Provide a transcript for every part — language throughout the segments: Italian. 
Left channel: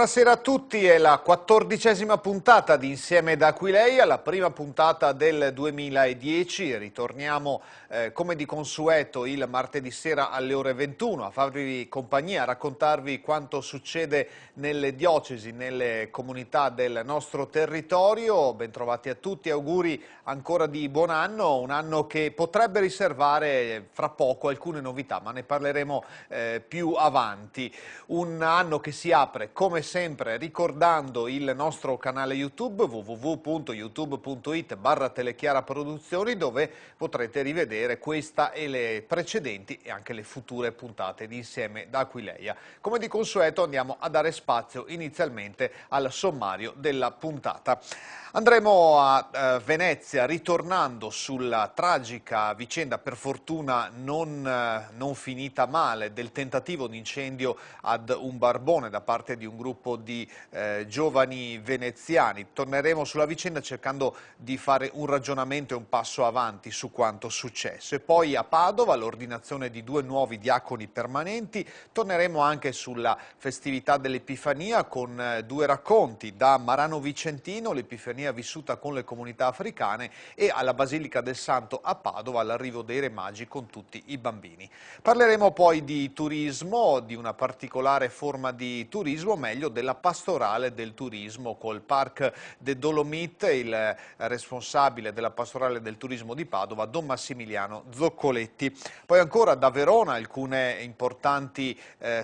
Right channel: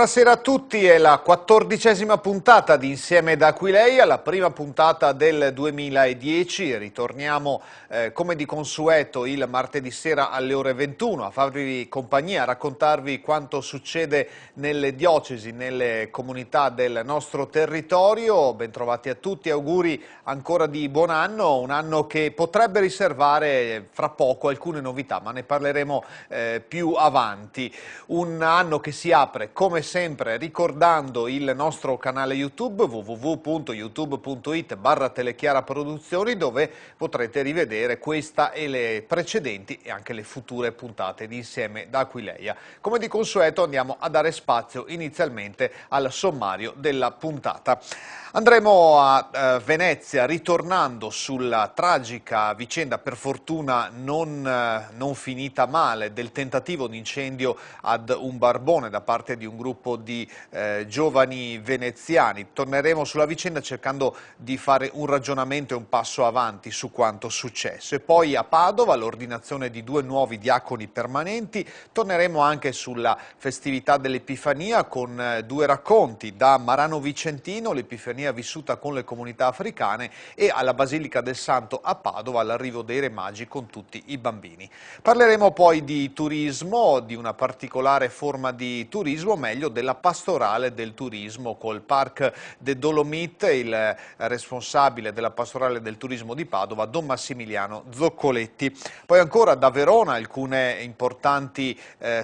Buonasera a tutti, è la 14ª puntata di Insieme da Aquileia, la prima puntata del 2010. Ritorniamo come di consueto il martedì sera alle ore 21 a farvi compagnia, a raccontarvi quanto succede nelle diocesi, nelle comunità del nostro territorio. Bentrovati a tutti, auguri ancora di buon anno, un anno che potrebbe riservare fra poco alcune novità, ma ne parleremo più avanti. Un anno che si apre come sempre ricordando il nostro canale YouTube www.youtube.it/Telechiara Produzioni, dove potrete rivedere questa e le precedenti e anche le future puntate di Insieme da Aquileia. Come di consueto andiamo a dare spazio inizialmente al sommario della puntata. Andremo a Venezia ritornando sulla tragica vicenda, per fortuna non finita male, del tentativo di incendio ad un barbone da parte di un gruppo di giovani veneziani. Torneremo sulla vicenda cercando di fare un ragionamento e un passo avanti su quanto successo. E poi a Padova l'ordinazione di 2 nuovi diaconi permanenti. Torneremo anche sulla festività dell'Epifania con 2 racconti, da Marano Vicentino, l'Epifania vissuta con le comunità africane, e alla Basilica del Santo a Padova, l'arrivo dei Re Magi con tutti i bambini. Parleremo poi di turismo, di una particolare forma di turismo, meglio della pastorale del turismo, col Parc des Dolomites, il responsabile della pastorale del turismo di Padova, Don Massimiliano Zoccoletti. Poi ancora da Verona alcune importanti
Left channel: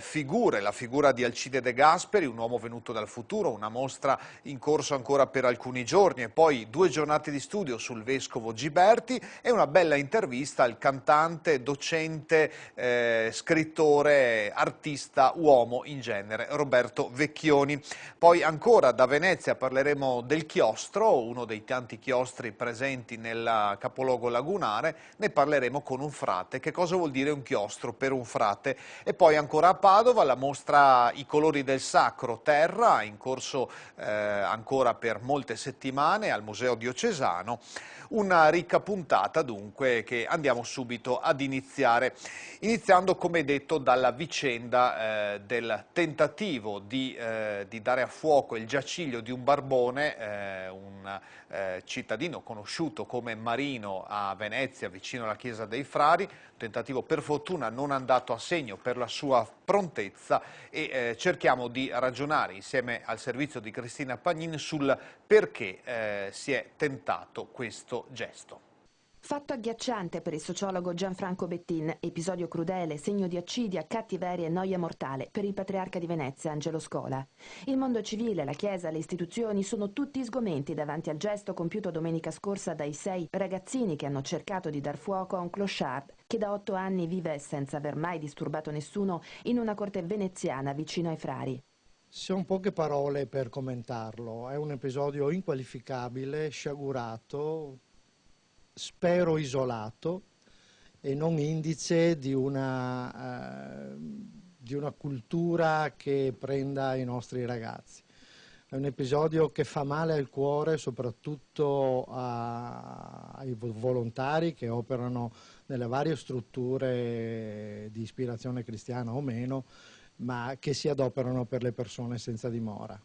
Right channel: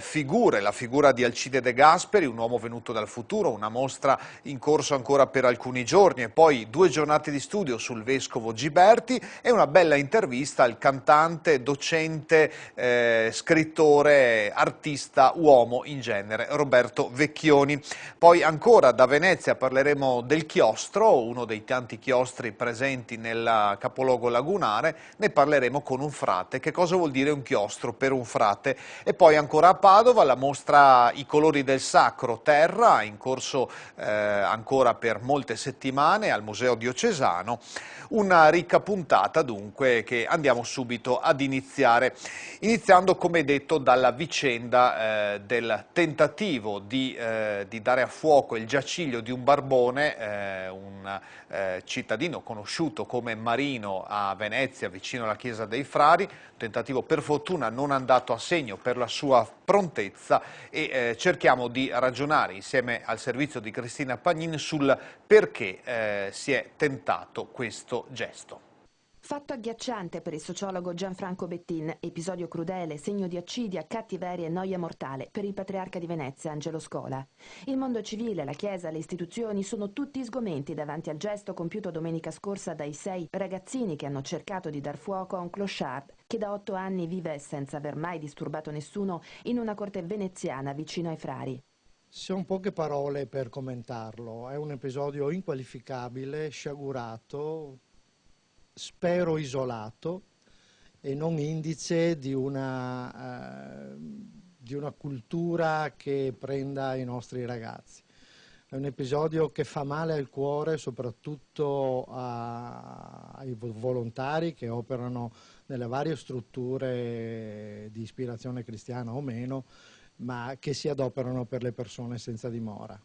figure, la figura di Alcide De Gasperi, un uomo venuto dal futuro, una mostra in corso ancora per alcuni giorni, e poi 2 giornate di studio sul vescovo Giberti e una bella intervista al cantante, docente, scrittore, artista, uomo in genere, Roberto Vecchioni. Poi ancora da Venezia parleremo del chiostro, uno dei tanti chiostri presenti nel capoluogo lagunare. Ne parleremo con un frate. Che cosa vuol dire un chiostro per un frate? E poi ancora a Padova la mostra I colori del sacro terra, in corso ancora per molte settimane al Museo Diocesano. Una ricca puntata dunque che andiamo subito ad iniziando come detto dalla vicenda del tentativo di dare a fuoco il giaciglio di un barbone, un cittadino conosciuto come Marino a Venezia, vicino alla chiesa dei Frari. Tentativo per fortuna non andato a segno per la sua prontezza, e cerchiamo di ragionare insieme al servizio di Cristina Pagnin sul perché si è tentato questo gesto. Fatto agghiacciante per il sociologo Gianfranco Bettin, episodio crudele, segno di accidia, cattiveria e noia mortale per il patriarca di Venezia Angelo Scola. Il mondo civile, la Chiesa, le istituzioni sono tutti sgomenti davanti al gesto compiuto domenica scorsa dai 6 ragazzini che hanno cercato di dar fuoco a un clochard che da 8 anni vive, senza aver mai disturbato nessuno, in una corte veneziana vicino ai Frari. Sono poche parole per commentarlo, è un episodio inqualificabile, sciagurato, spero isolato e non indice di una cultura che prenda i nostri ragazzi. È un episodio che fa male al cuore, soprattutto ai volontari che operano nelle varie strutture di ispirazione cristiana o meno, ma che si adoperano per le persone senza dimora.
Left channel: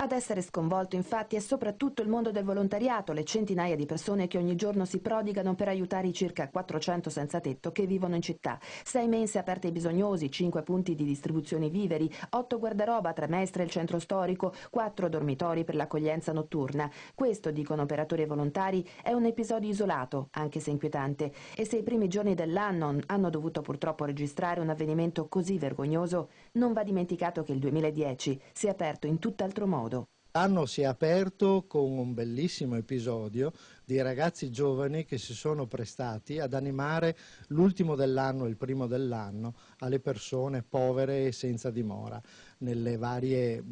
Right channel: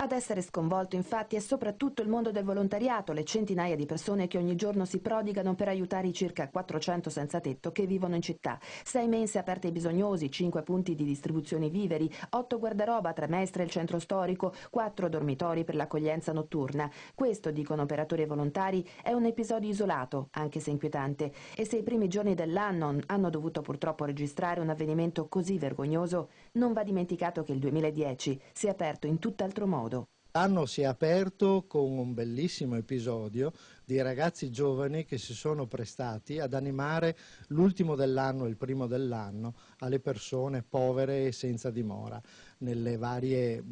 Ad essere sconvolto infatti è soprattutto il mondo del volontariato, le centinaia di persone che ogni giorno si prodigano per aiutare i circa 400 senza tetto che vivono in città. 6 mense aperte ai bisognosi, 5 punti di distribuzione viveri, 8 guardaroba, 3 mestre il centro storico, 4 dormitori per l'accoglienza notturna. Questo, dicono operatori e volontari, è un episodio isolato, anche se inquietante. E se i primi giorni dell'anno hanno dovuto purtroppo registrare un avvenimento così vergognoso, non va dimenticato che il 2010 si è aperto in tutt'altro modo. L'anno si è aperto con un bellissimo episodio di ragazzi giovani che si sono prestati ad animare l'ultimo dell'anno e il primo dell'anno alle persone povere e senza dimora nelle varie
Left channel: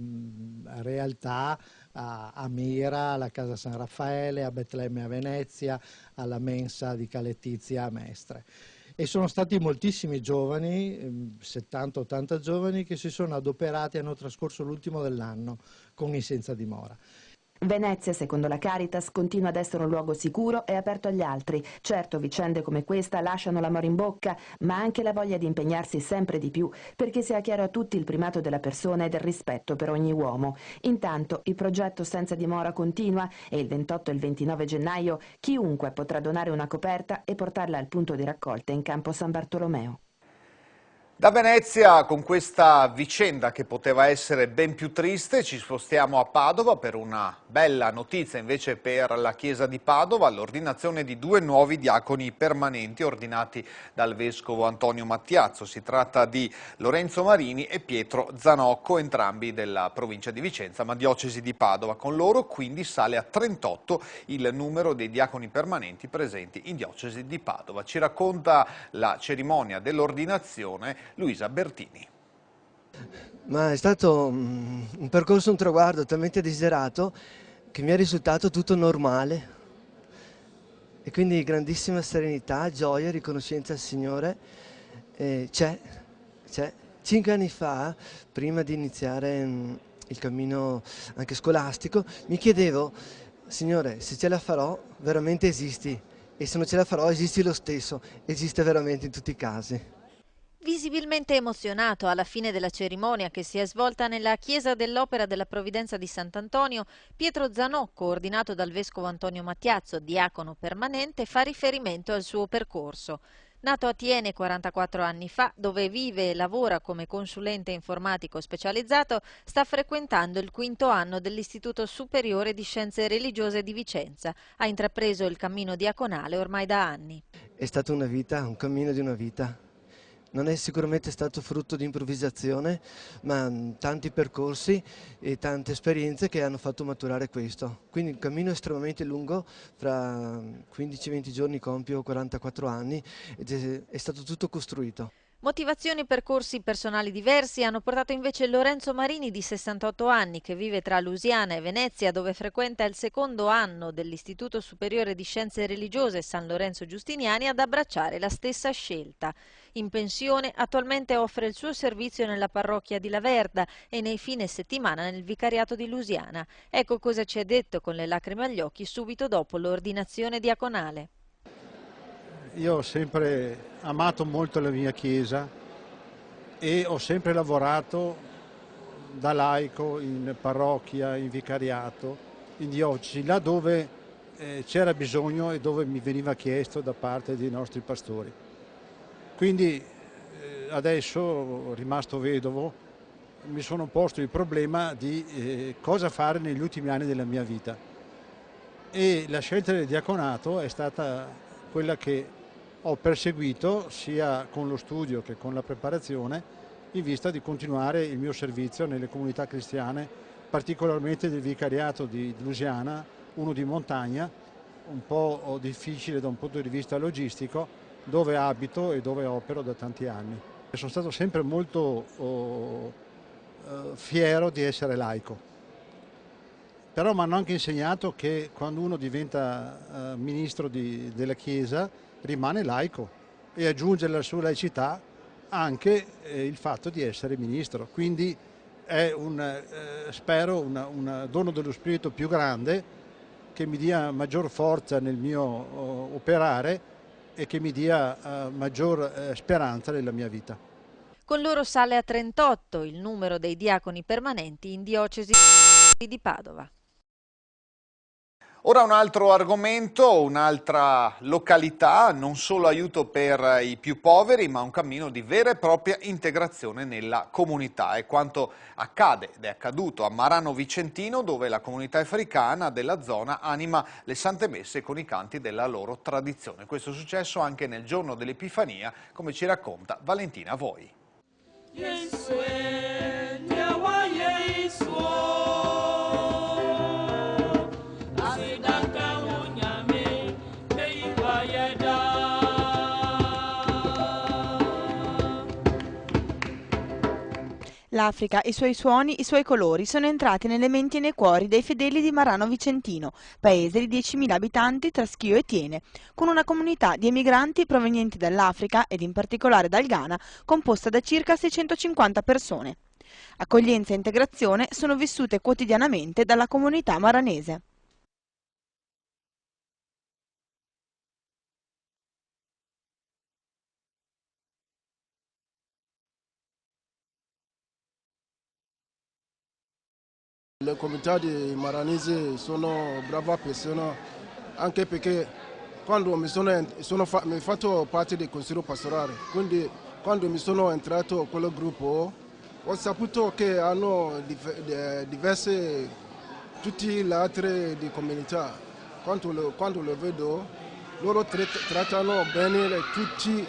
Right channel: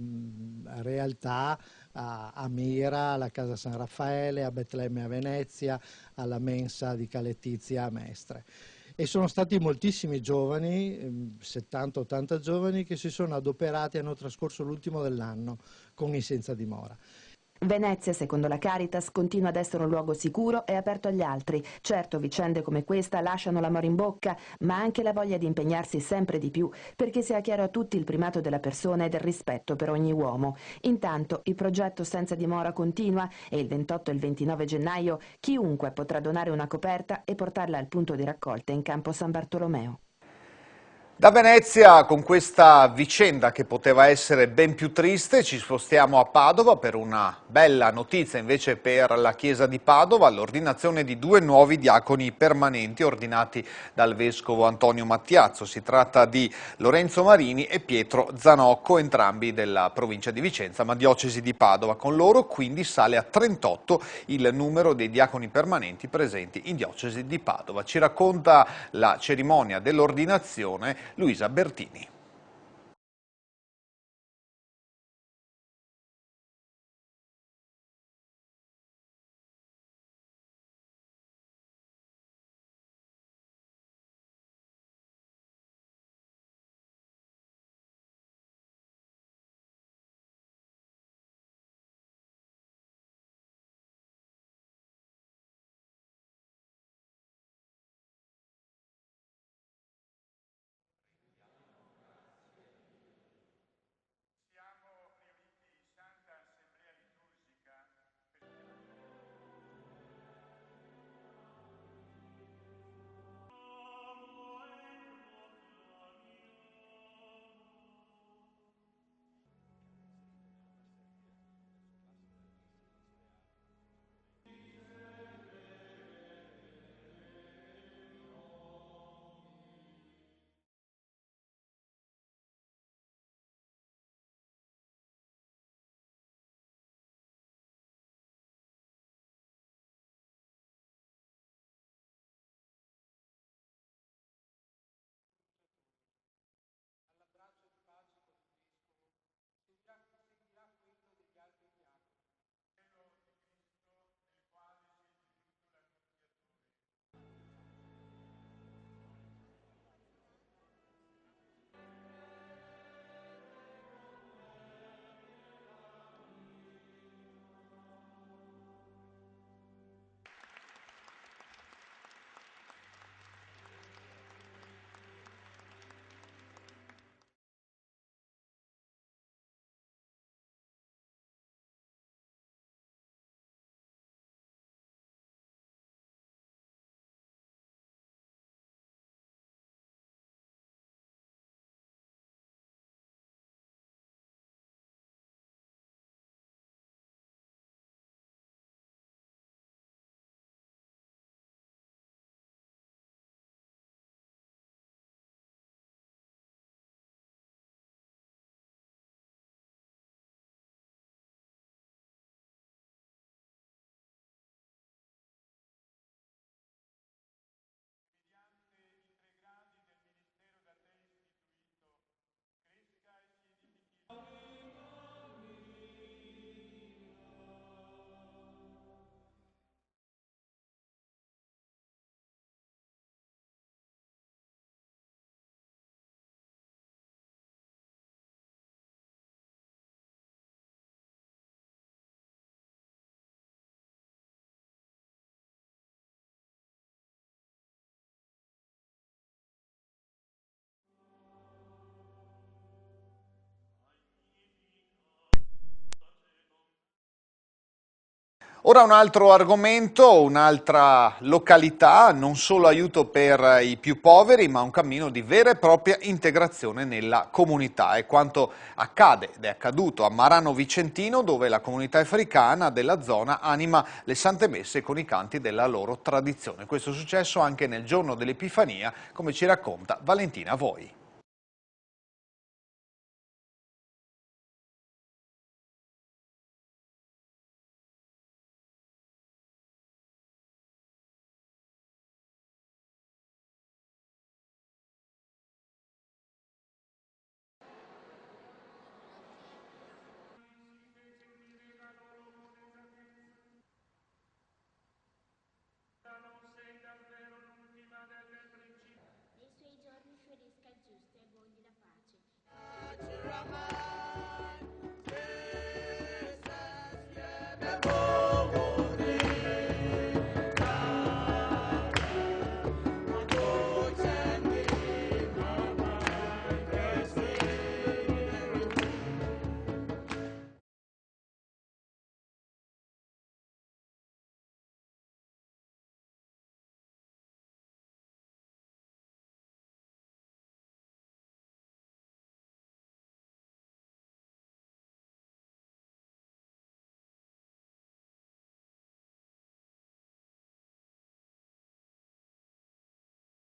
realtà, a Mira, alla Casa San Raffaele, a Betlemme a Venezia, alla Mensa di Caletizia a Mestre. E sono stati moltissimi giovani, 70-80 giovani, che si sono adoperati e hanno trascorso l'ultimo dell'anno con i senza dimora. Venezia, secondo la Caritas, continua ad essere un luogo sicuro e aperto agli altri. Certo, vicende come questa lasciano l'amore in bocca, ma anche la voglia di impegnarsi sempre di più, perché sia chiaro a tutti il primato della persona e del rispetto per ogni uomo. Intanto, il progetto Senza dimora continua e il 28 e il 29 gennaio chiunque potrà donare una coperta e portarla al punto di raccolta in campo San Bartolomeo. Da Venezia, con questa vicenda che poteva essere ben più triste, ci spostiamo a Padova per una bella notizia invece per la Chiesa di Padova, l'ordinazione di 2 nuovi diaconi permanenti ordinati dal Vescovo Antonio Mattiazzo. Si tratta di Lorenzo Marini e Pietro Zanocco, entrambi della provincia di Vicenza, ma diocesi di Padova. Con loro quindi sale a 38 il numero dei diaconi permanenti presenti in diocesi di Padova. Ci racconta la cerimonia dell'ordinazione Luisa Bertini. Ma è stato un percorso, un traguardo talmente desiderato che mi è risultato tutto normale e quindi grandissima serenità, gioia, riconoscenza al Signore. C'è. 5 anni fa, prima di iniziare il cammino anche scolastico, mi chiedevo: Signore, se ce la farò, veramente esisti, e se non ce la farò, esisti lo stesso, esiste veramente in tutti i casi. Visibilmente emozionato alla fine della cerimonia che si è svolta nella chiesa dell'Opera della Provvidenza di Sant'Antonio, Pietro Zanocco, ordinato dal vescovo Antonio Mattiazzo, diacono permanente, fa riferimento al suo percorso. Nato a Tiene 44 anni fa, dove vive e lavora come consulente informatico specializzato, sta frequentando il 5° anno dell'Istituto Superiore di Scienze Religiose di Vicenza. Ha intrapreso il cammino diaconale ormai da anni. È stata una vita, un cammino di una vita. Non è sicuramente stato frutto di improvvisazione, ma tanti percorsi e tante esperienze che hanno fatto maturare questo. Quindi un cammino estremamente lungo, fra 15-20 giorni compio 44 anni ed è stato tutto costruito. Motivazioni e percorsi personali diversi hanno portato invece Lorenzo Marini, di 68 anni, che vive tra Lusiana e Venezia, dove frequenta il 2° anno dell'Istituto Superiore di Scienze Religiose San Lorenzo Giustiniani, ad abbracciare la stessa scelta. In pensione, attualmente offre il suo servizio nella parrocchia di Laverda e nei fine settimana nel vicariato di Lusiana. Ecco cosa ci ha detto con le lacrime agli occhi subito dopo l'ordinazione diaconale. Io ho sempre amato molto la mia chiesa e ho sempre lavorato da laico in parrocchia, in vicariato, in diocesi, là dove c'era bisogno e dove mi veniva chiesto da parte dei nostri pastori. Quindi adesso, rimasto vedovo, mi sono posto il problema di cosa fare negli ultimi anni della mia vita, e la scelta del diaconato è stata quella che ho perseguito sia con lo studio che con la preparazione, in vista di continuare il mio servizio nelle comunità cristiane, particolarmente del vicariato di Lusiana, uno di montagna, un po' difficile da un punto di vista logistico, dove abito e dove opero da tanti anni. Sono stato sempre molto fiero di essere laico, però mi hanno anche insegnato che quando uno diventa ministro della Chiesa rimane laico e aggiunge alla sua laicità anche il fatto di essere ministro. Quindi è spero un dono dello Spirito più grande, che mi dia maggior forza nel mio operare e che mi dia maggior speranza nella mia vita. Con loro sale a 38 il numero dei diaconi permanenti in diocesi di Padova. Ora un altro argomento, un'altra località, non solo aiuto per i più poveri, ma un cammino di vera e propria integrazione nella comunità. È quanto accade ed è accaduto a Marano Vicentino, dove la comunità africana della zona anima le sante messe con i canti della loro tradizione. Questo è successo anche nel giorno dell'Epifania, come ci racconta Valentina Voi. L'Africa, i suoi suoni, i suoi colori sono entrati nelle menti e nei cuori dei fedeli di Marano Vicentino, paese di 10.000 abitanti tra Schio e Tiene, con una comunità di emigranti provenienti dall'Africa ed in particolare dal Ghana, composta da circa 650 persone. Accoglienza e integrazione sono vissute quotidianamente dalla comunità maranese. Le comunità di Maranese sono brave persone, anche perché quando mi ho fatto parte del consiglio pastorale, quindi quando mi sono entrato in quel gruppo ho saputo che hanno diverse, tutte le altre di comunità. Quando lo vedo, loro trattano bene tutti,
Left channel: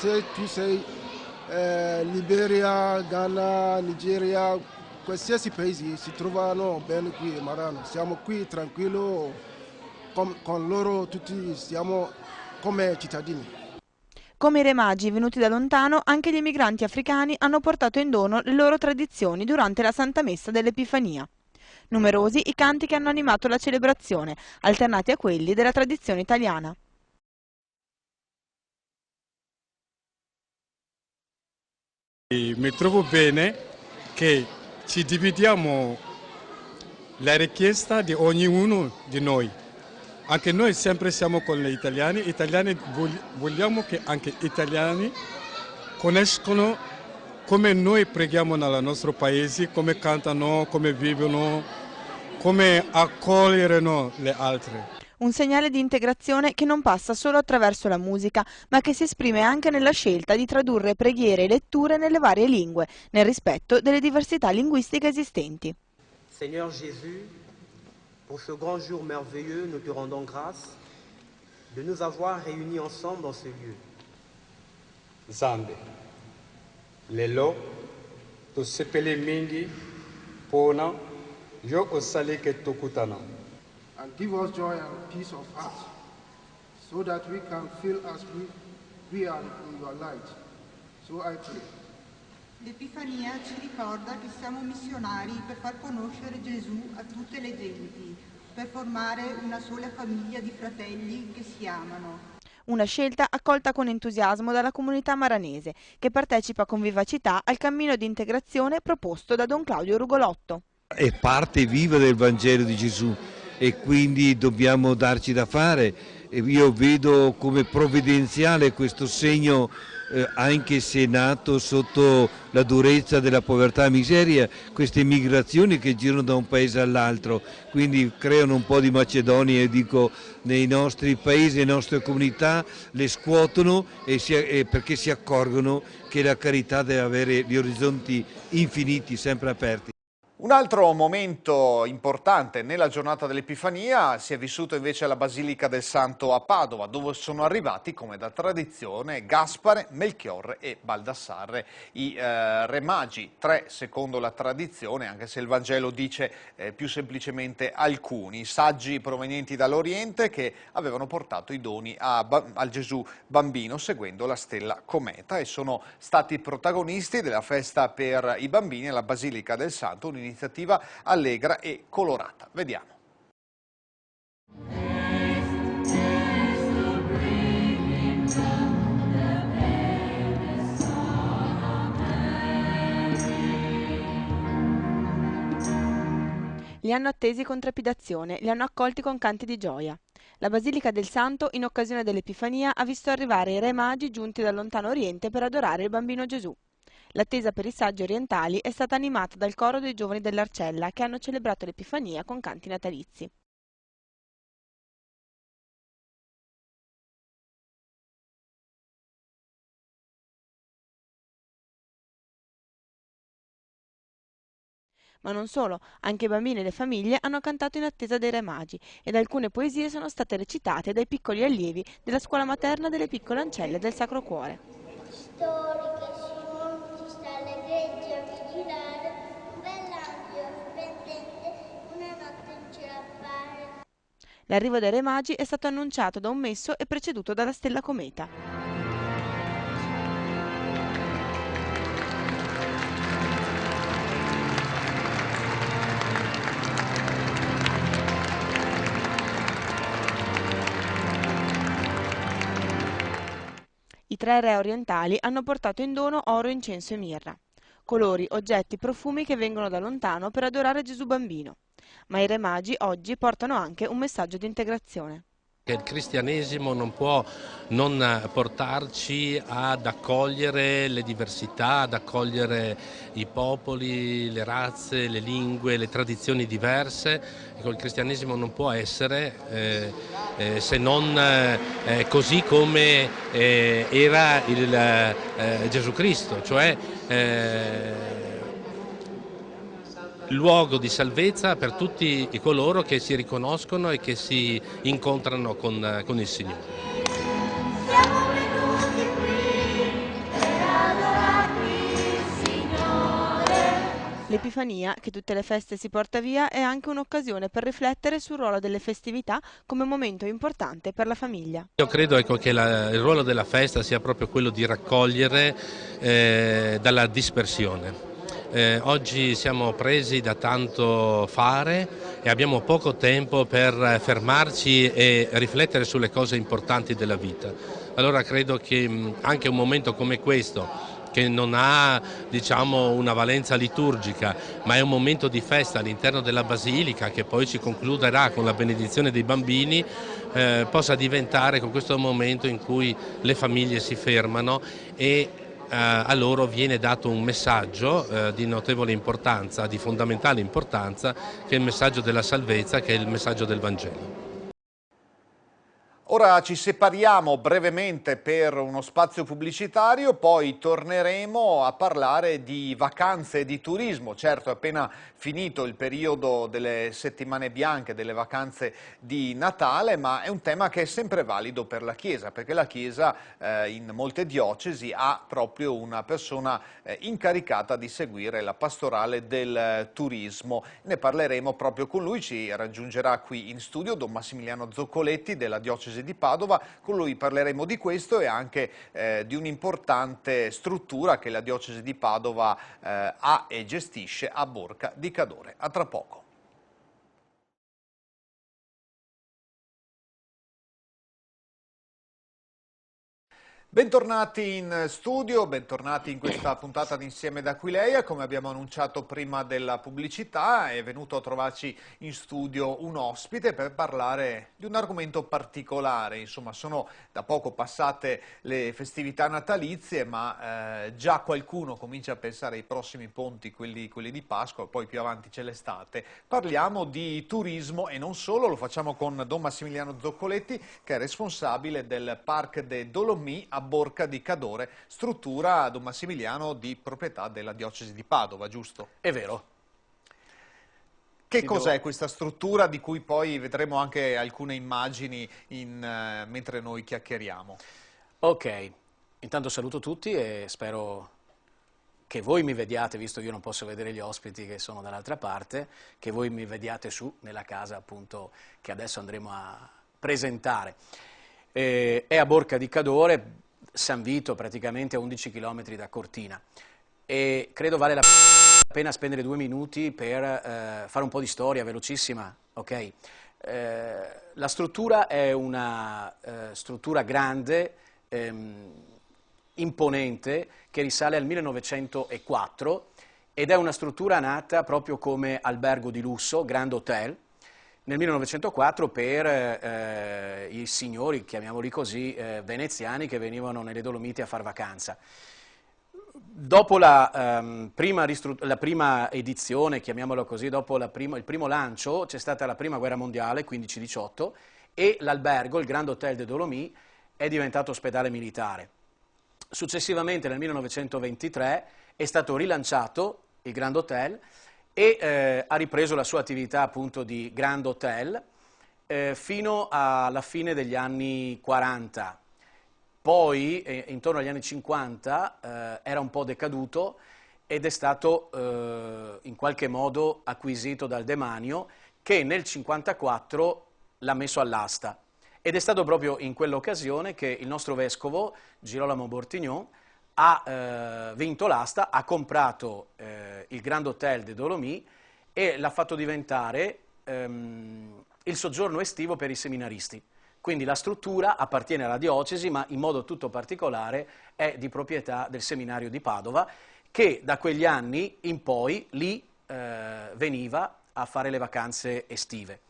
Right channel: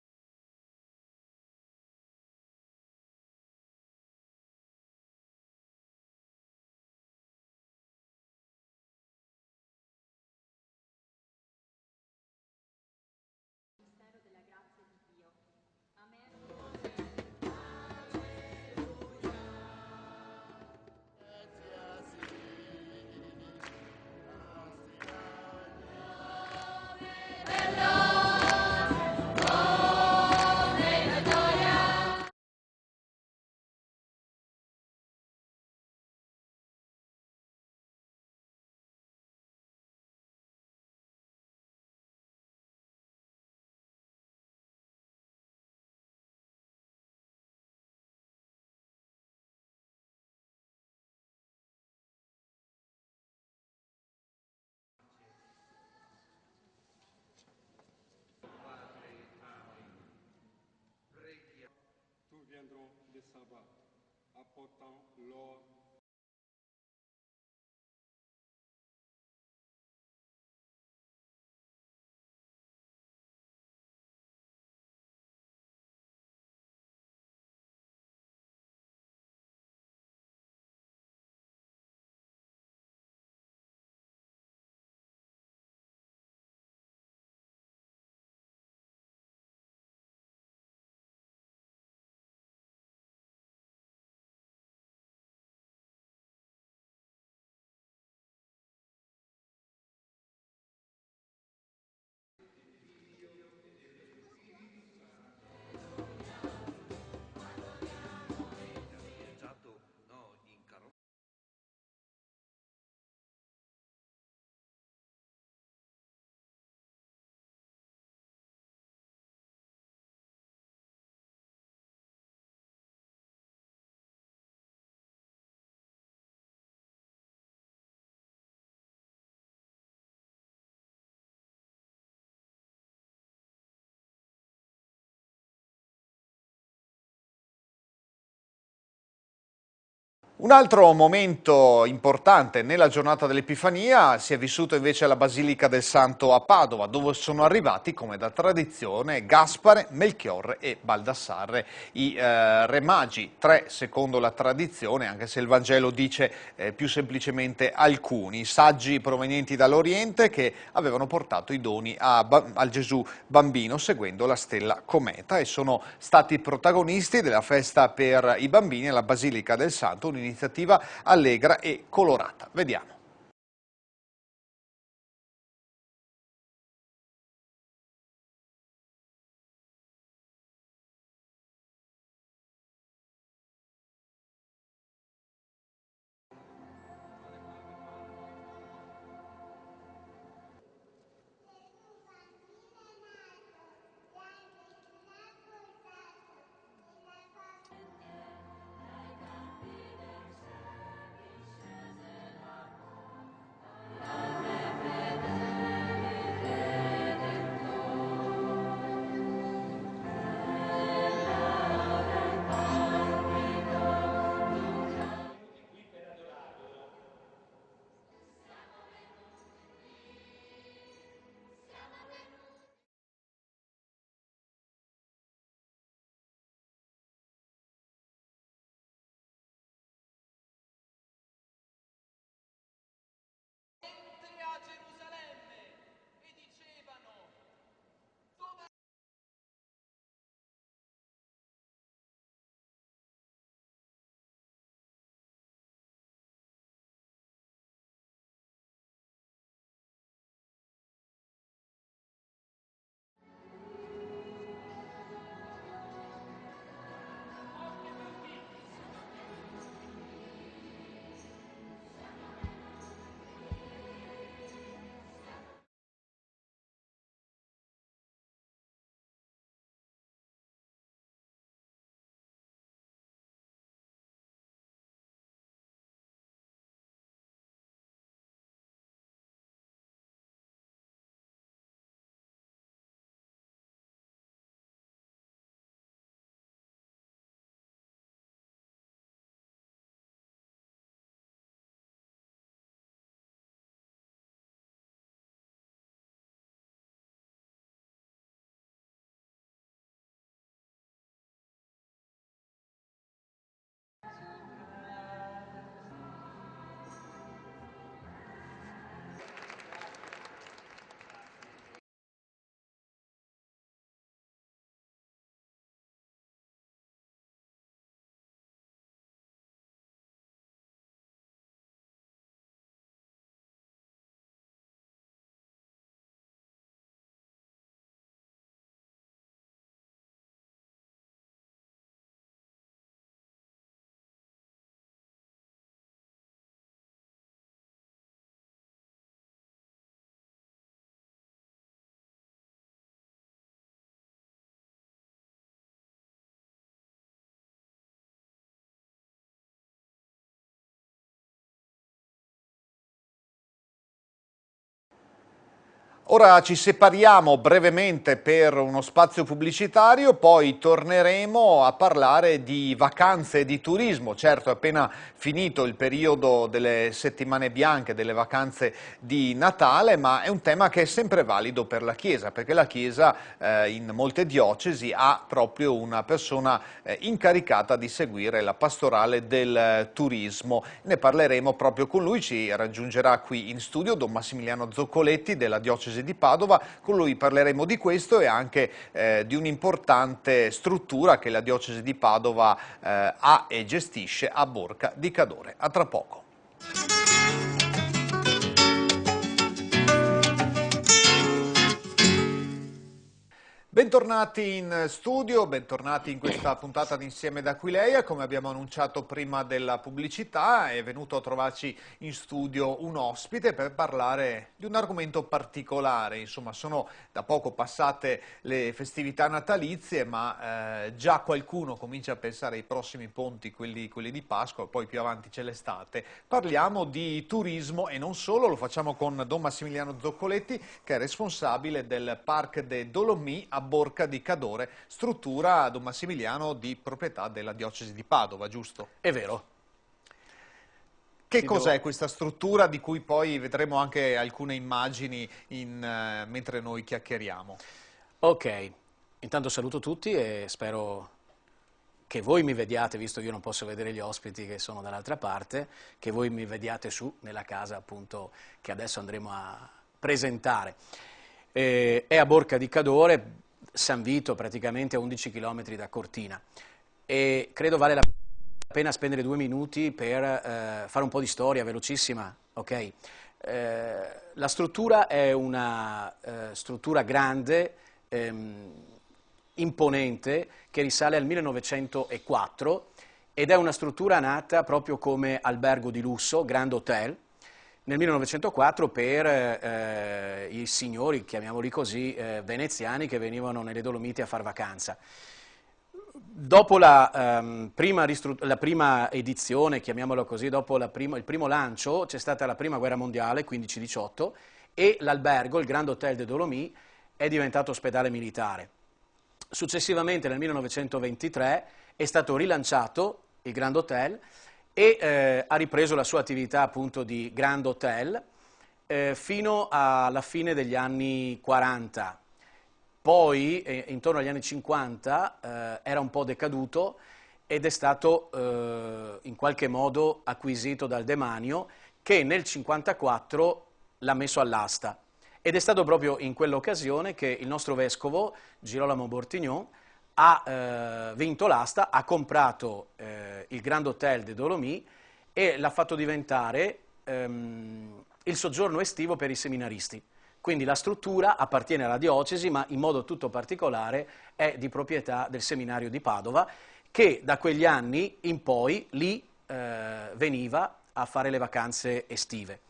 se tu sei Liberia, Ghana, Nigeria, qualsiasi paese si trovano bene qui a Marano. Siamo qui tranquilli con loro, tutti siamo come cittadini. Come i re magi venuti da lontano, anche gli emigranti africani hanno portato in dono le loro tradizioni durante la Santa Messa dell'Epifania. Numerosi i canti che hanno animato la celebrazione, alternati a quelli della tradizione italiana. Mi trovo bene che ci dividiamo la richiesta di ognuno di noi. Anche noi sempre siamo con gli italiani. Vogliamo che anche gli italiani conoscano come noi preghiamo nel nostro paese, come cantano, come vivono, come accoglieranno le altre. Un segnale di integrazione che non passa solo attraverso la musica, ma che si esprime anche nella scelta di tradurre preghiere e letture nelle varie lingue, nel rispetto delle diversità linguistiche esistenti. Seigneur Jésus, pour ce grand jour merveilleux, nous te rendons grâce de nous avoir réunis ensemble dans ce lieu. Zambe, lelo, to sepele mingi, pona, yo osale ke tokutana. And give us joy and peace of heart, so that we can feel as we are in your light. So I pray. L'Epifania ci ricorda che siamo missionari per far conoscere Gesù a tutte le genti, per formare una sola famiglia di fratelli che si amano. Una scelta accolta con entusiasmo dalla comunità maranese, che partecipa con vivacità al cammino di integrazione proposto da Don Claudio Rugolotto. È parte viva del Vangelo di Gesù e quindi dobbiamo darci da fare. Io vedo come provvidenziale questo segno, anche se nato sotto la durezza della povertà e miseria, queste migrazioni che girano da un paese all'altro, quindi creano un po' di macedonia, dico, nei nostri paesi, nelle nostre comunità, le scuotono perché si accorgono che la carità deve avere gli orizzonti infiniti, sempre aperti. Un altro momento importante nella giornata dell'Epifania si è vissuto invece alla Basilica del Santo a Padova, dove sono arrivati, come da tradizione, Gaspare, Melchiorre e Baldassarre, i re magi, 3 secondo la tradizione, anche se il Vangelo dice più semplicemente alcuni, saggi provenienti dall'Oriente che avevano portato i doni al Gesù bambino seguendo la stella cometa e sono stati protagonisti della festa per i bambini alla Basilica del Santo, un'iniziativa allegra e colorata. Vediamo. Li hanno attesi con trepidazione, li hanno accolti con canti di gioia. La Basilica del Santo, in occasione dell'Epifania, ha visto arrivare i re magi giunti dal lontano Oriente per adorare il bambino Gesù. L'attesa per i saggi orientali è stata animata dal coro dei giovani dell'Arcella che hanno celebrato l'Epifania con canti natalizi. Ma non solo, anche i bambini e le famiglie hanno cantato in attesa dei re magi ed alcune poesie sono state recitate dai piccoli allievi della scuola materna delle piccole ancelle del Sacro Cuore. Storiche si sta alle greggi a vigilare, un bell'angelo splendente, una notte in cielo appare. L'arrivo dei re magi è stato annunciato da un messo e preceduto dalla stella cometa. 3 re orientali hanno portato in dono oro, incenso e mirra. Colori, oggetti, profumi che vengono da lontano per adorare Gesù bambino. Ma i re magi oggi portano anche un messaggio di integrazione. Il cristianesimo non può non portarci ad accogliere le diversità, ad accogliere i popoli, le razze, le lingue, le tradizioni diverse. Ecco, il cristianesimo non può essere se non così come era Gesù Cristo, cioè luogo di salvezza per tutti coloro che si riconoscono e che si incontrano con il Signore. Siamo venuti qui per adorarti, Signore. L'Epifania, che tutte le feste si porta via, è anche un'occasione per riflettere sul ruolo delle festività come momento importante per la famiglia. Io credo che il ruolo della festa sia proprio quello di raccogliere dalla dispersione. Oggi siamo presi da tanto fare e abbiamo poco tempo per fermarci e riflettere sulle cose importanti della vita. Allora credo che anche un momento come questo, che non ha, diciamo, una valenza liturgica, ma è un momento di festa all'interno della Basilica, che poi si concluderà con la benedizione dei bambini, possa diventare con questo momento in cui le famiglie si fermano e a loro viene dato un messaggio di notevole importanza, di fondamentale importanza, che è il messaggio della salvezza, che è il messaggio del Vangelo. Ora ci separiamo brevemente per uno spazio pubblicitario, poi torneremo a parlare di vacanze e di turismo. Certo, è appena finito il periodo delle settimane bianche, delle vacanze di Natale, ma è un tema che è sempre valido per la Chiesa, perché la Chiesa in molte diocesi ha proprio una persona incaricata di seguire la pastorale del turismo. Ne parleremo proprio con lui, ci raggiungerà qui in studio Don Massimiliano Zoccoletti della diocesi di Padova. Con lui parleremo di questo e anche di un'importante struttura che la diocesi di Padova ha e gestisce a Borca di Cadore. A tra poco. Bentornati in studio, bentornati in questa puntata di Insieme da Aquileia. Come abbiamo annunciato prima della pubblicità, è venuto a trovarci in studio un ospite per parlare di un argomento particolare. Insomma, sono da poco passate le festività natalizie, ma già qualcuno comincia a pensare ai prossimi ponti, quelli di Pasqua, poi più avanti c'è l'estate. Parliamo di turismo e non solo, lo facciamo con Don Massimiliano Zoccoletti, che è responsabile del Parc des Dolomies a Borca di Cadore, struttura, Don Massimiliano, di proprietà della diocesi di Padova, giusto? È vero. Che cos'è questa struttura di cui poi vedremo anche alcune immagini mentre noi chiacchieriamo? Ok, intanto saluto tutti e spero che voi mi vediate, visto che io non posso vedere gli ospiti che sono dall'altra parte, che voi mi vediate su nella casa appunto che adesso andremo a presentare. È a Borca di Cadore, San Vito, praticamente a 11 km da Cortina, e credo vale la pena spendere 2 minuti per fare un po' di storia velocissima. Okay? La struttura è una struttura grande, imponente, che risale al 1904 ed è una struttura nata proprio come albergo di lusso, Grand Hotel, nel 1904 per i signori, chiamiamoli così, veneziani che venivano nelle Dolomiti a far vacanza. Dopo la prima edizione, chiamiamolo così, dopo il primo lancio, c'è stata la prima guerra mondiale, 15-18, e l'albergo, il Grand Hotel des Dolomies, è diventato ospedale militare. Successivamente, nel 1923, è stato rilanciato il Grand Hotel e ha ripreso la sua attività appunto di Grand Hotel fino alla fine degli anni 40. Poi, intorno agli anni 50, era un po' decaduto ed è stato in qualche modo acquisito dal demanio, che nel 1954 l'ha messo all'asta. Ed è stato proprio in quell'occasione che il nostro vescovo, Girolamo Bortignon, ha vinto l'asta, ha comprato il Grand Hotel des Dolomies e l'ha fatto diventare il soggiorno estivo per i seminaristi. Quindi la struttura appartiene alla diocesi, ma in modo tutto particolare è di proprietà del seminario di Padova, che da quegli anni in poi lì veniva a fare le vacanze estive.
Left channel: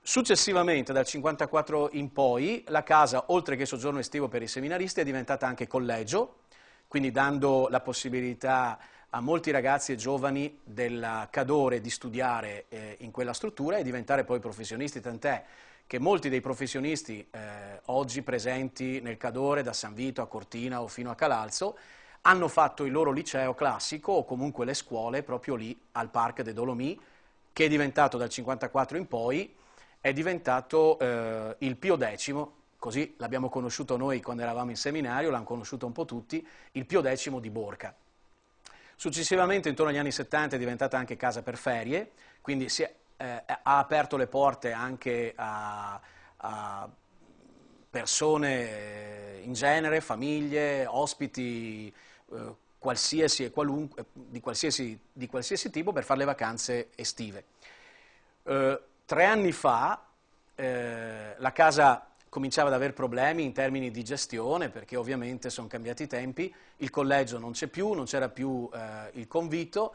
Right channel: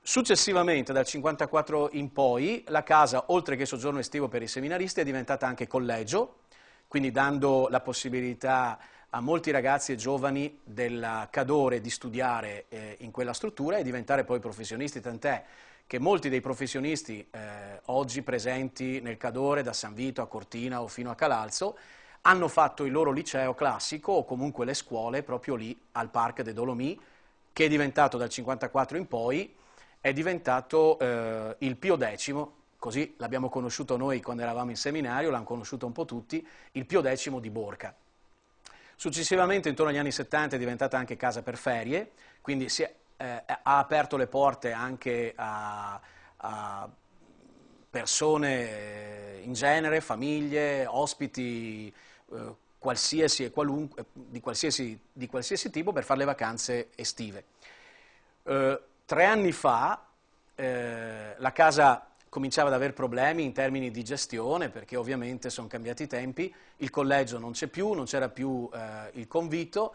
Successivamente, dal 1954 in poi, la casa, oltre che soggiorno estivo per i seminaristi, è diventata anche collegio, quindi dando la possibilità a molti ragazzi e giovani della Cadore di studiare in quella struttura e diventare poi professionisti, tant'è che molti dei professionisti oggi presenti nel Cadore, da San Vito a Cortina o fino a Calalzo, hanno fatto il loro liceo classico o comunque le scuole proprio lì al Parc des Dolomites, che è diventato dal 1954 in poi, è diventato il Pio X, così l'abbiamo conosciuto noi quando eravamo in seminario, l'hanno conosciuto un po' tutti, il Pio X di Borca. Successivamente, intorno agli anni 70, è diventata anche casa per ferie, quindi ha aperto le porte anche a persone in genere, famiglie, ospiti qualsiasi e qualunque, di qualsiasi tipo per fare le vacanze estive. 3 anni fa la casa cominciava ad avere problemi in termini di gestione, perché ovviamente sono cambiati i tempi, il collegio non c'è più, non c'era più il convito.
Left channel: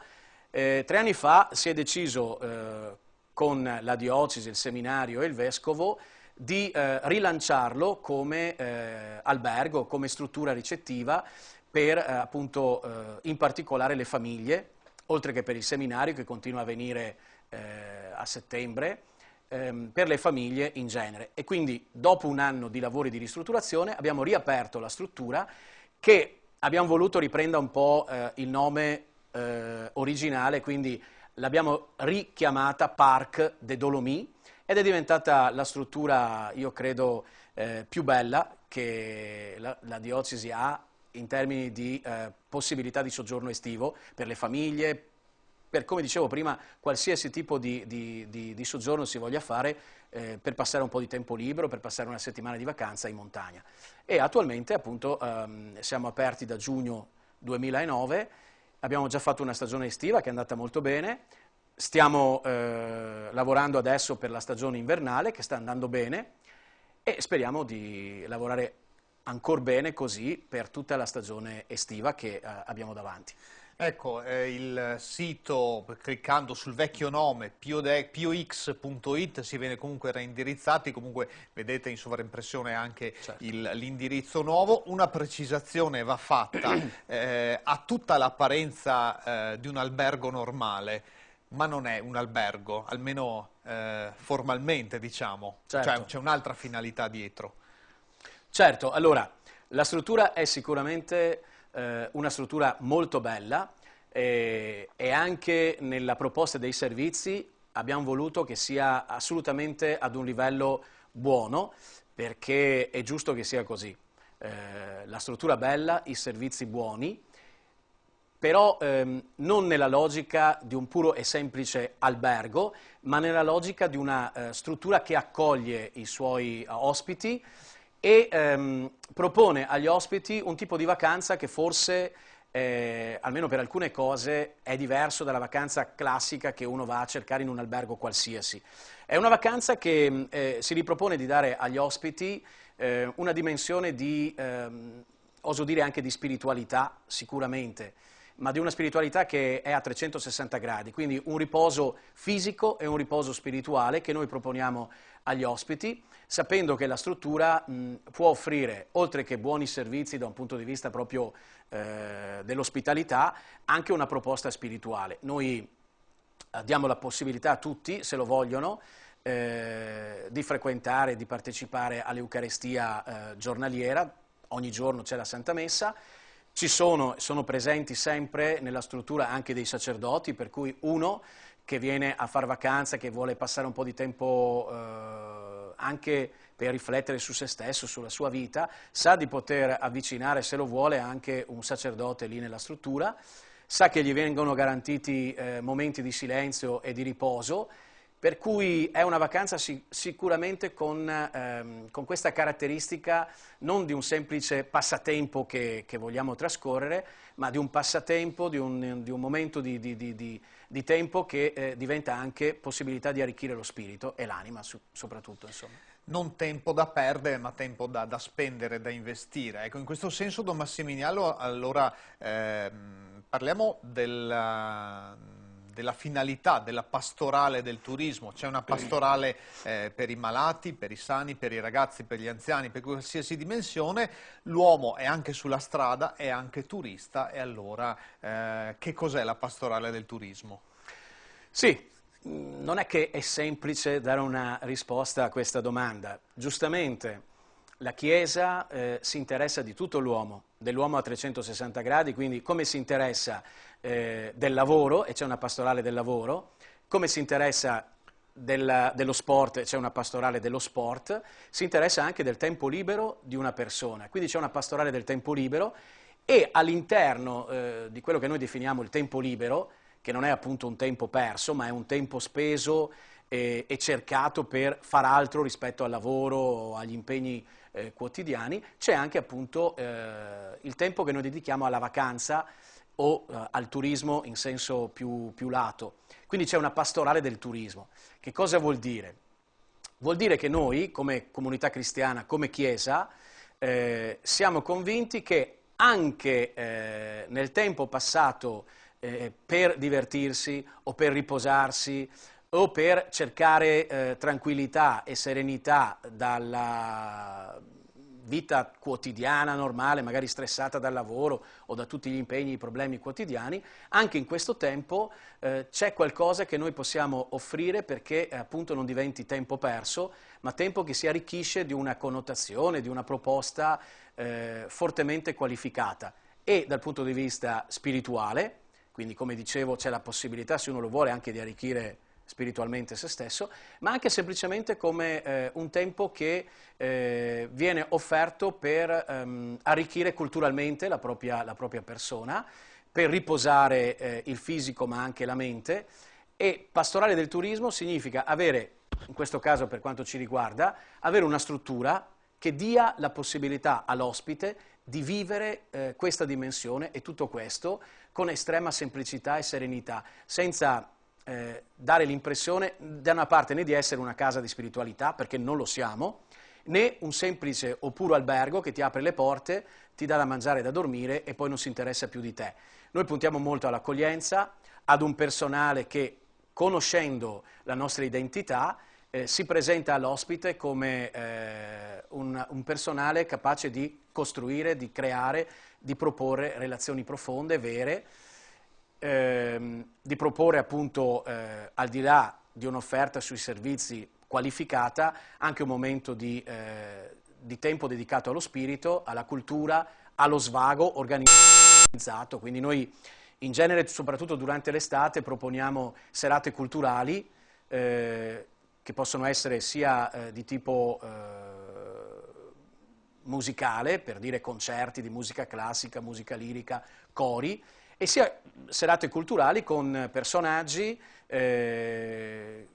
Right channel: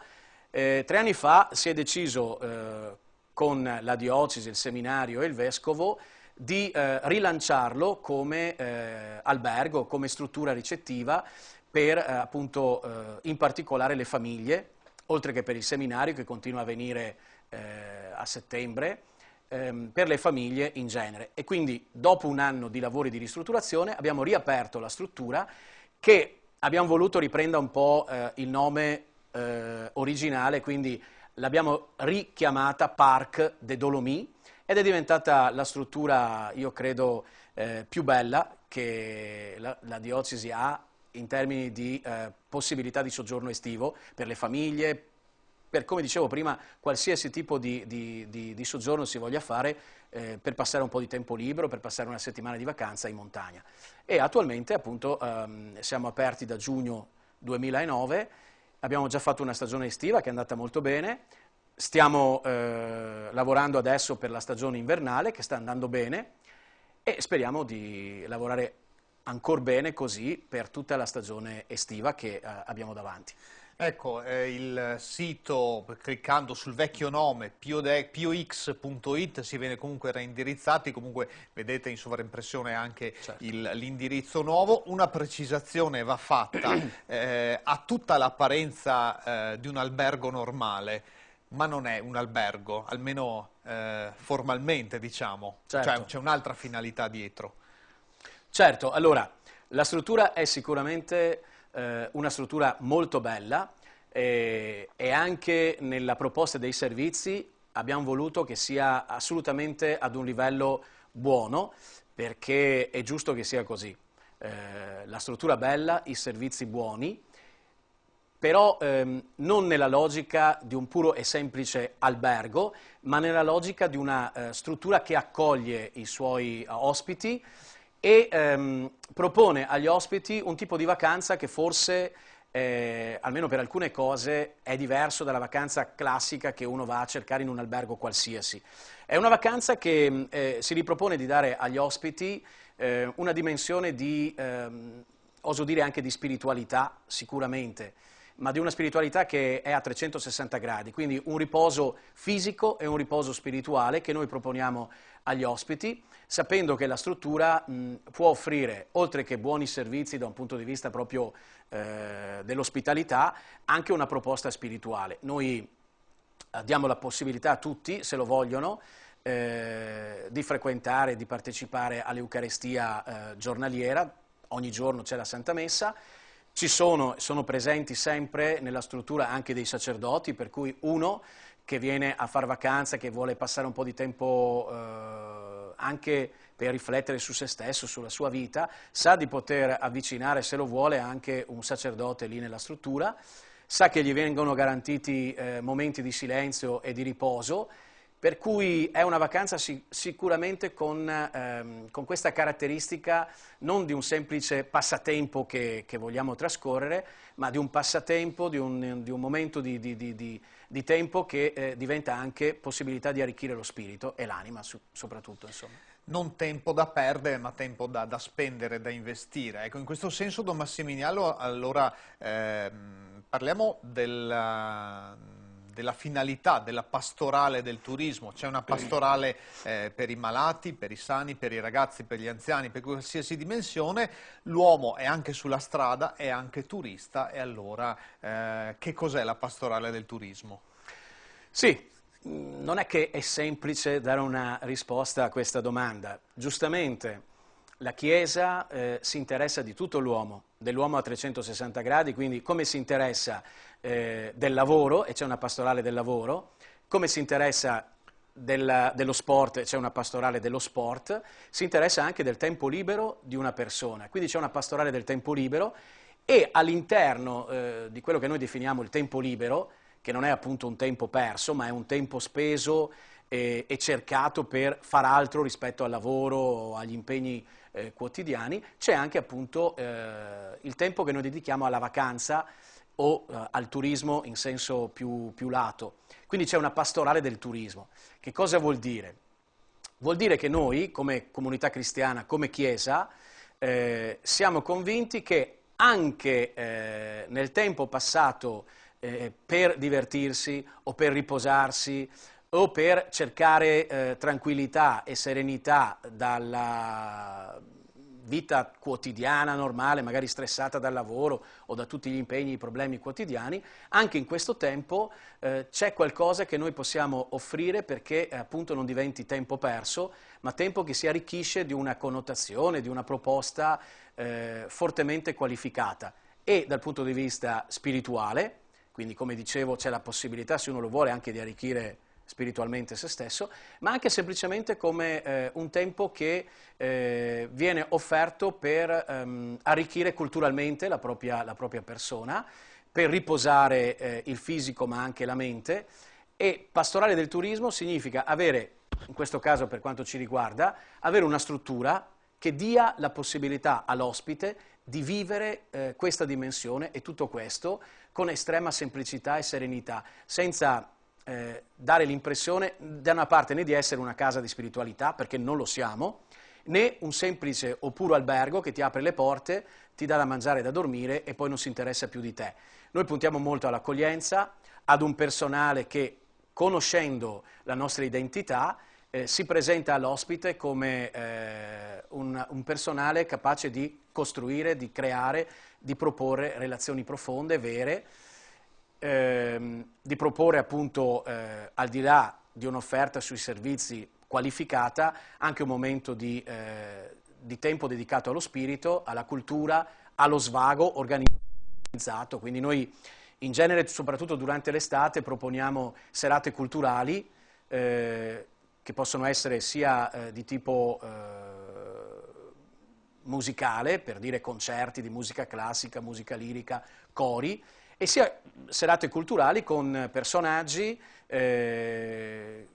3 anni fa si è deciso con la diocesi, il seminario e il vescovo di rilanciarlo come albergo, come struttura ricettiva per appunto in particolare le famiglie, oltre che per il seminario che continua a venire a settembre, per le famiglie in genere. E quindi dopo un anno di lavori di ristrutturazione abbiamo riaperto la struttura, che abbiamo voluto riprenda un po' il nome originale, quindi l'abbiamo richiamata Parc des Dolomites ed è diventata la struttura, io credo, più bella che la diocesi ha in termini di possibilità di soggiorno estivo per le famiglie, per, come dicevo prima, qualsiasi tipo di soggiorno si voglia fare per passare un po' di tempo libero, per passare una settimana di vacanza in montagna. E attualmente appunto siamo aperti da giugno 2009, abbiamo già fatto una stagione estiva che è andata molto bene, stiamo lavorando adesso per la stagione invernale che sta andando bene e speriamo di lavorare ancora bene così per tutta la stagione estiva che abbiamo davanti. Ecco, il sito, cliccando sul vecchio nome, piox.it, si viene comunque reindirizzati, comunque vedete in sovraimpressione anche l'indirizzo nuovo. Una precisazione va fatta, ha tutta l'apparenza di un albergo normale, ma non è un albergo, almeno formalmente diciamo, cioè c'è un'altra finalità dietro. Certo, allora, la struttura è sicuramente una struttura molto bella e anche nella proposta dei servizi abbiamo voluto che sia assolutamente ad un livello buono, perché è giusto che sia così. La struttura bella, i servizi buoni, però non nella logica di un puro e semplice albergo, ma nella logica di una struttura che accoglie i suoi ospiti e propone agli ospiti un tipo di vacanza che forse, almeno per alcune cose, è diverso dalla vacanza classica che uno va a cercare in un albergo qualsiasi. È una vacanza che si ripropone di dare agli ospiti una dimensione di, oso dire anche di spiritualità sicuramente, ma di una spiritualità che è a 360 gradi, quindi un riposo fisico e un riposo spirituale che noi proponiamo agli ospiti, sapendo che la struttura può offrire, oltre che buoni servizi da un punto di vista proprio dell'ospitalità, anche una proposta spirituale. Noi diamo la possibilità a tutti, se lo vogliono, di frequentare, di partecipare all'Eucaristia giornaliera, ogni giorno c'è la Santa Messa. Sono presenti sempre nella struttura anche dei sacerdoti, per cui uno che viene a far vacanza, che vuole passare un po' di tempo anche per riflettere su se stesso, sulla sua vita, sa di poter avvicinare, se lo vuole, anche un sacerdote lì nella struttura, sa che gli vengono garantiti momenti di silenzio e di riposo, per cui è una vacanza sicuramente con questa caratteristica non di un semplice passatempo che vogliamo trascorrere, ma di un passatempo, di un momento di tempo che diventa anche possibilità di arricchire lo spirito e l'anima soprattutto, insomma. Non tempo da perdere, ma tempo da spendere, da investire. Ecco, in questo senso, Don Massimiliano, allora parliamo della finalità della pastorale del turismo. C'è una pastorale per i malati, per i sani, per i ragazzi, per gli anziani, per qualsiasi dimensione. L'uomo è anche sulla strada, è anche turista, e allora che cos'è la pastorale del turismo? Sì, non è che è semplice dare una risposta a questa domanda. Giustamente la Chiesa si interessa di tutto l'uomo, dell'uomo a 360 gradi, quindi come si interessa del lavoro, e c'è una pastorale del lavoro, come si interessa dello sport, c'è una pastorale dello sport, si interessa anche del tempo libero di una persona, quindi c'è una pastorale del tempo libero, e all'interno di quello che noi definiamo il tempo libero, che non è appunto un tempo perso, ma è un tempo speso e cercato per far altro rispetto al lavoro o agli impegni quotidiani, c'è anche appunto il tempo che noi dedichiamo alla vacanza o al turismo in senso più lato. Quindi c'è una pastorale del turismo. Che cosa vuol dire? Vuol dire che noi, come comunità cristiana, come Chiesa, siamo convinti che anche nel tempo passato per divertirsi o per riposarsi o per cercare tranquillità e serenità dalla vita quotidiana normale, magari stressata dal lavoro o da tutti gli impegni e i problemi quotidiani, anche in questo tempo c'è qualcosa che noi possiamo offrire perché appunto non diventi tempo perso, ma tempo che si arricchisce di una connotazione, di una proposta fortemente qualificata, e dal punto di vista spirituale. Quindi, come dicevo, c'è la possibilità, se uno lo vuole, anche di arricchire spiritualmente se stesso, ma anche semplicemente come un tempo che viene offerto per arricchire culturalmente la propria persona, per riposare il fisico ma anche la mente. E pastorale del turismo significa avere, in questo caso per quanto ci riguarda, avere una struttura che dia la possibilità all'ospite di vivere questa dimensione e tutto questo con estrema semplicità e serenità, senza dare l'impressione da una parte né di essere una casa di spiritualità, perché non lo siamo, né un semplice o puro albergo che ti apre le porte, ti dà da mangiare e da dormire e poi non si interessa più di te. Noi puntiamo molto all'accoglienza, ad un personale che, conoscendo la nostra identità, si presenta all'ospite come un personale capace di costruire, di creare, di proporre relazioni profonde, vere, di proporre appunto al di là di un'offerta sui servizi qualificata anche un momento di tempo dedicato allo spirito, alla cultura, allo svago organizzato. Quindi noi in genere, soprattutto durante l'estate, proponiamo serate culturali che possono essere sia di tipo musicale, per dire concerti di musica classica, musica lirica, cori, e sia serate culturali con personaggi che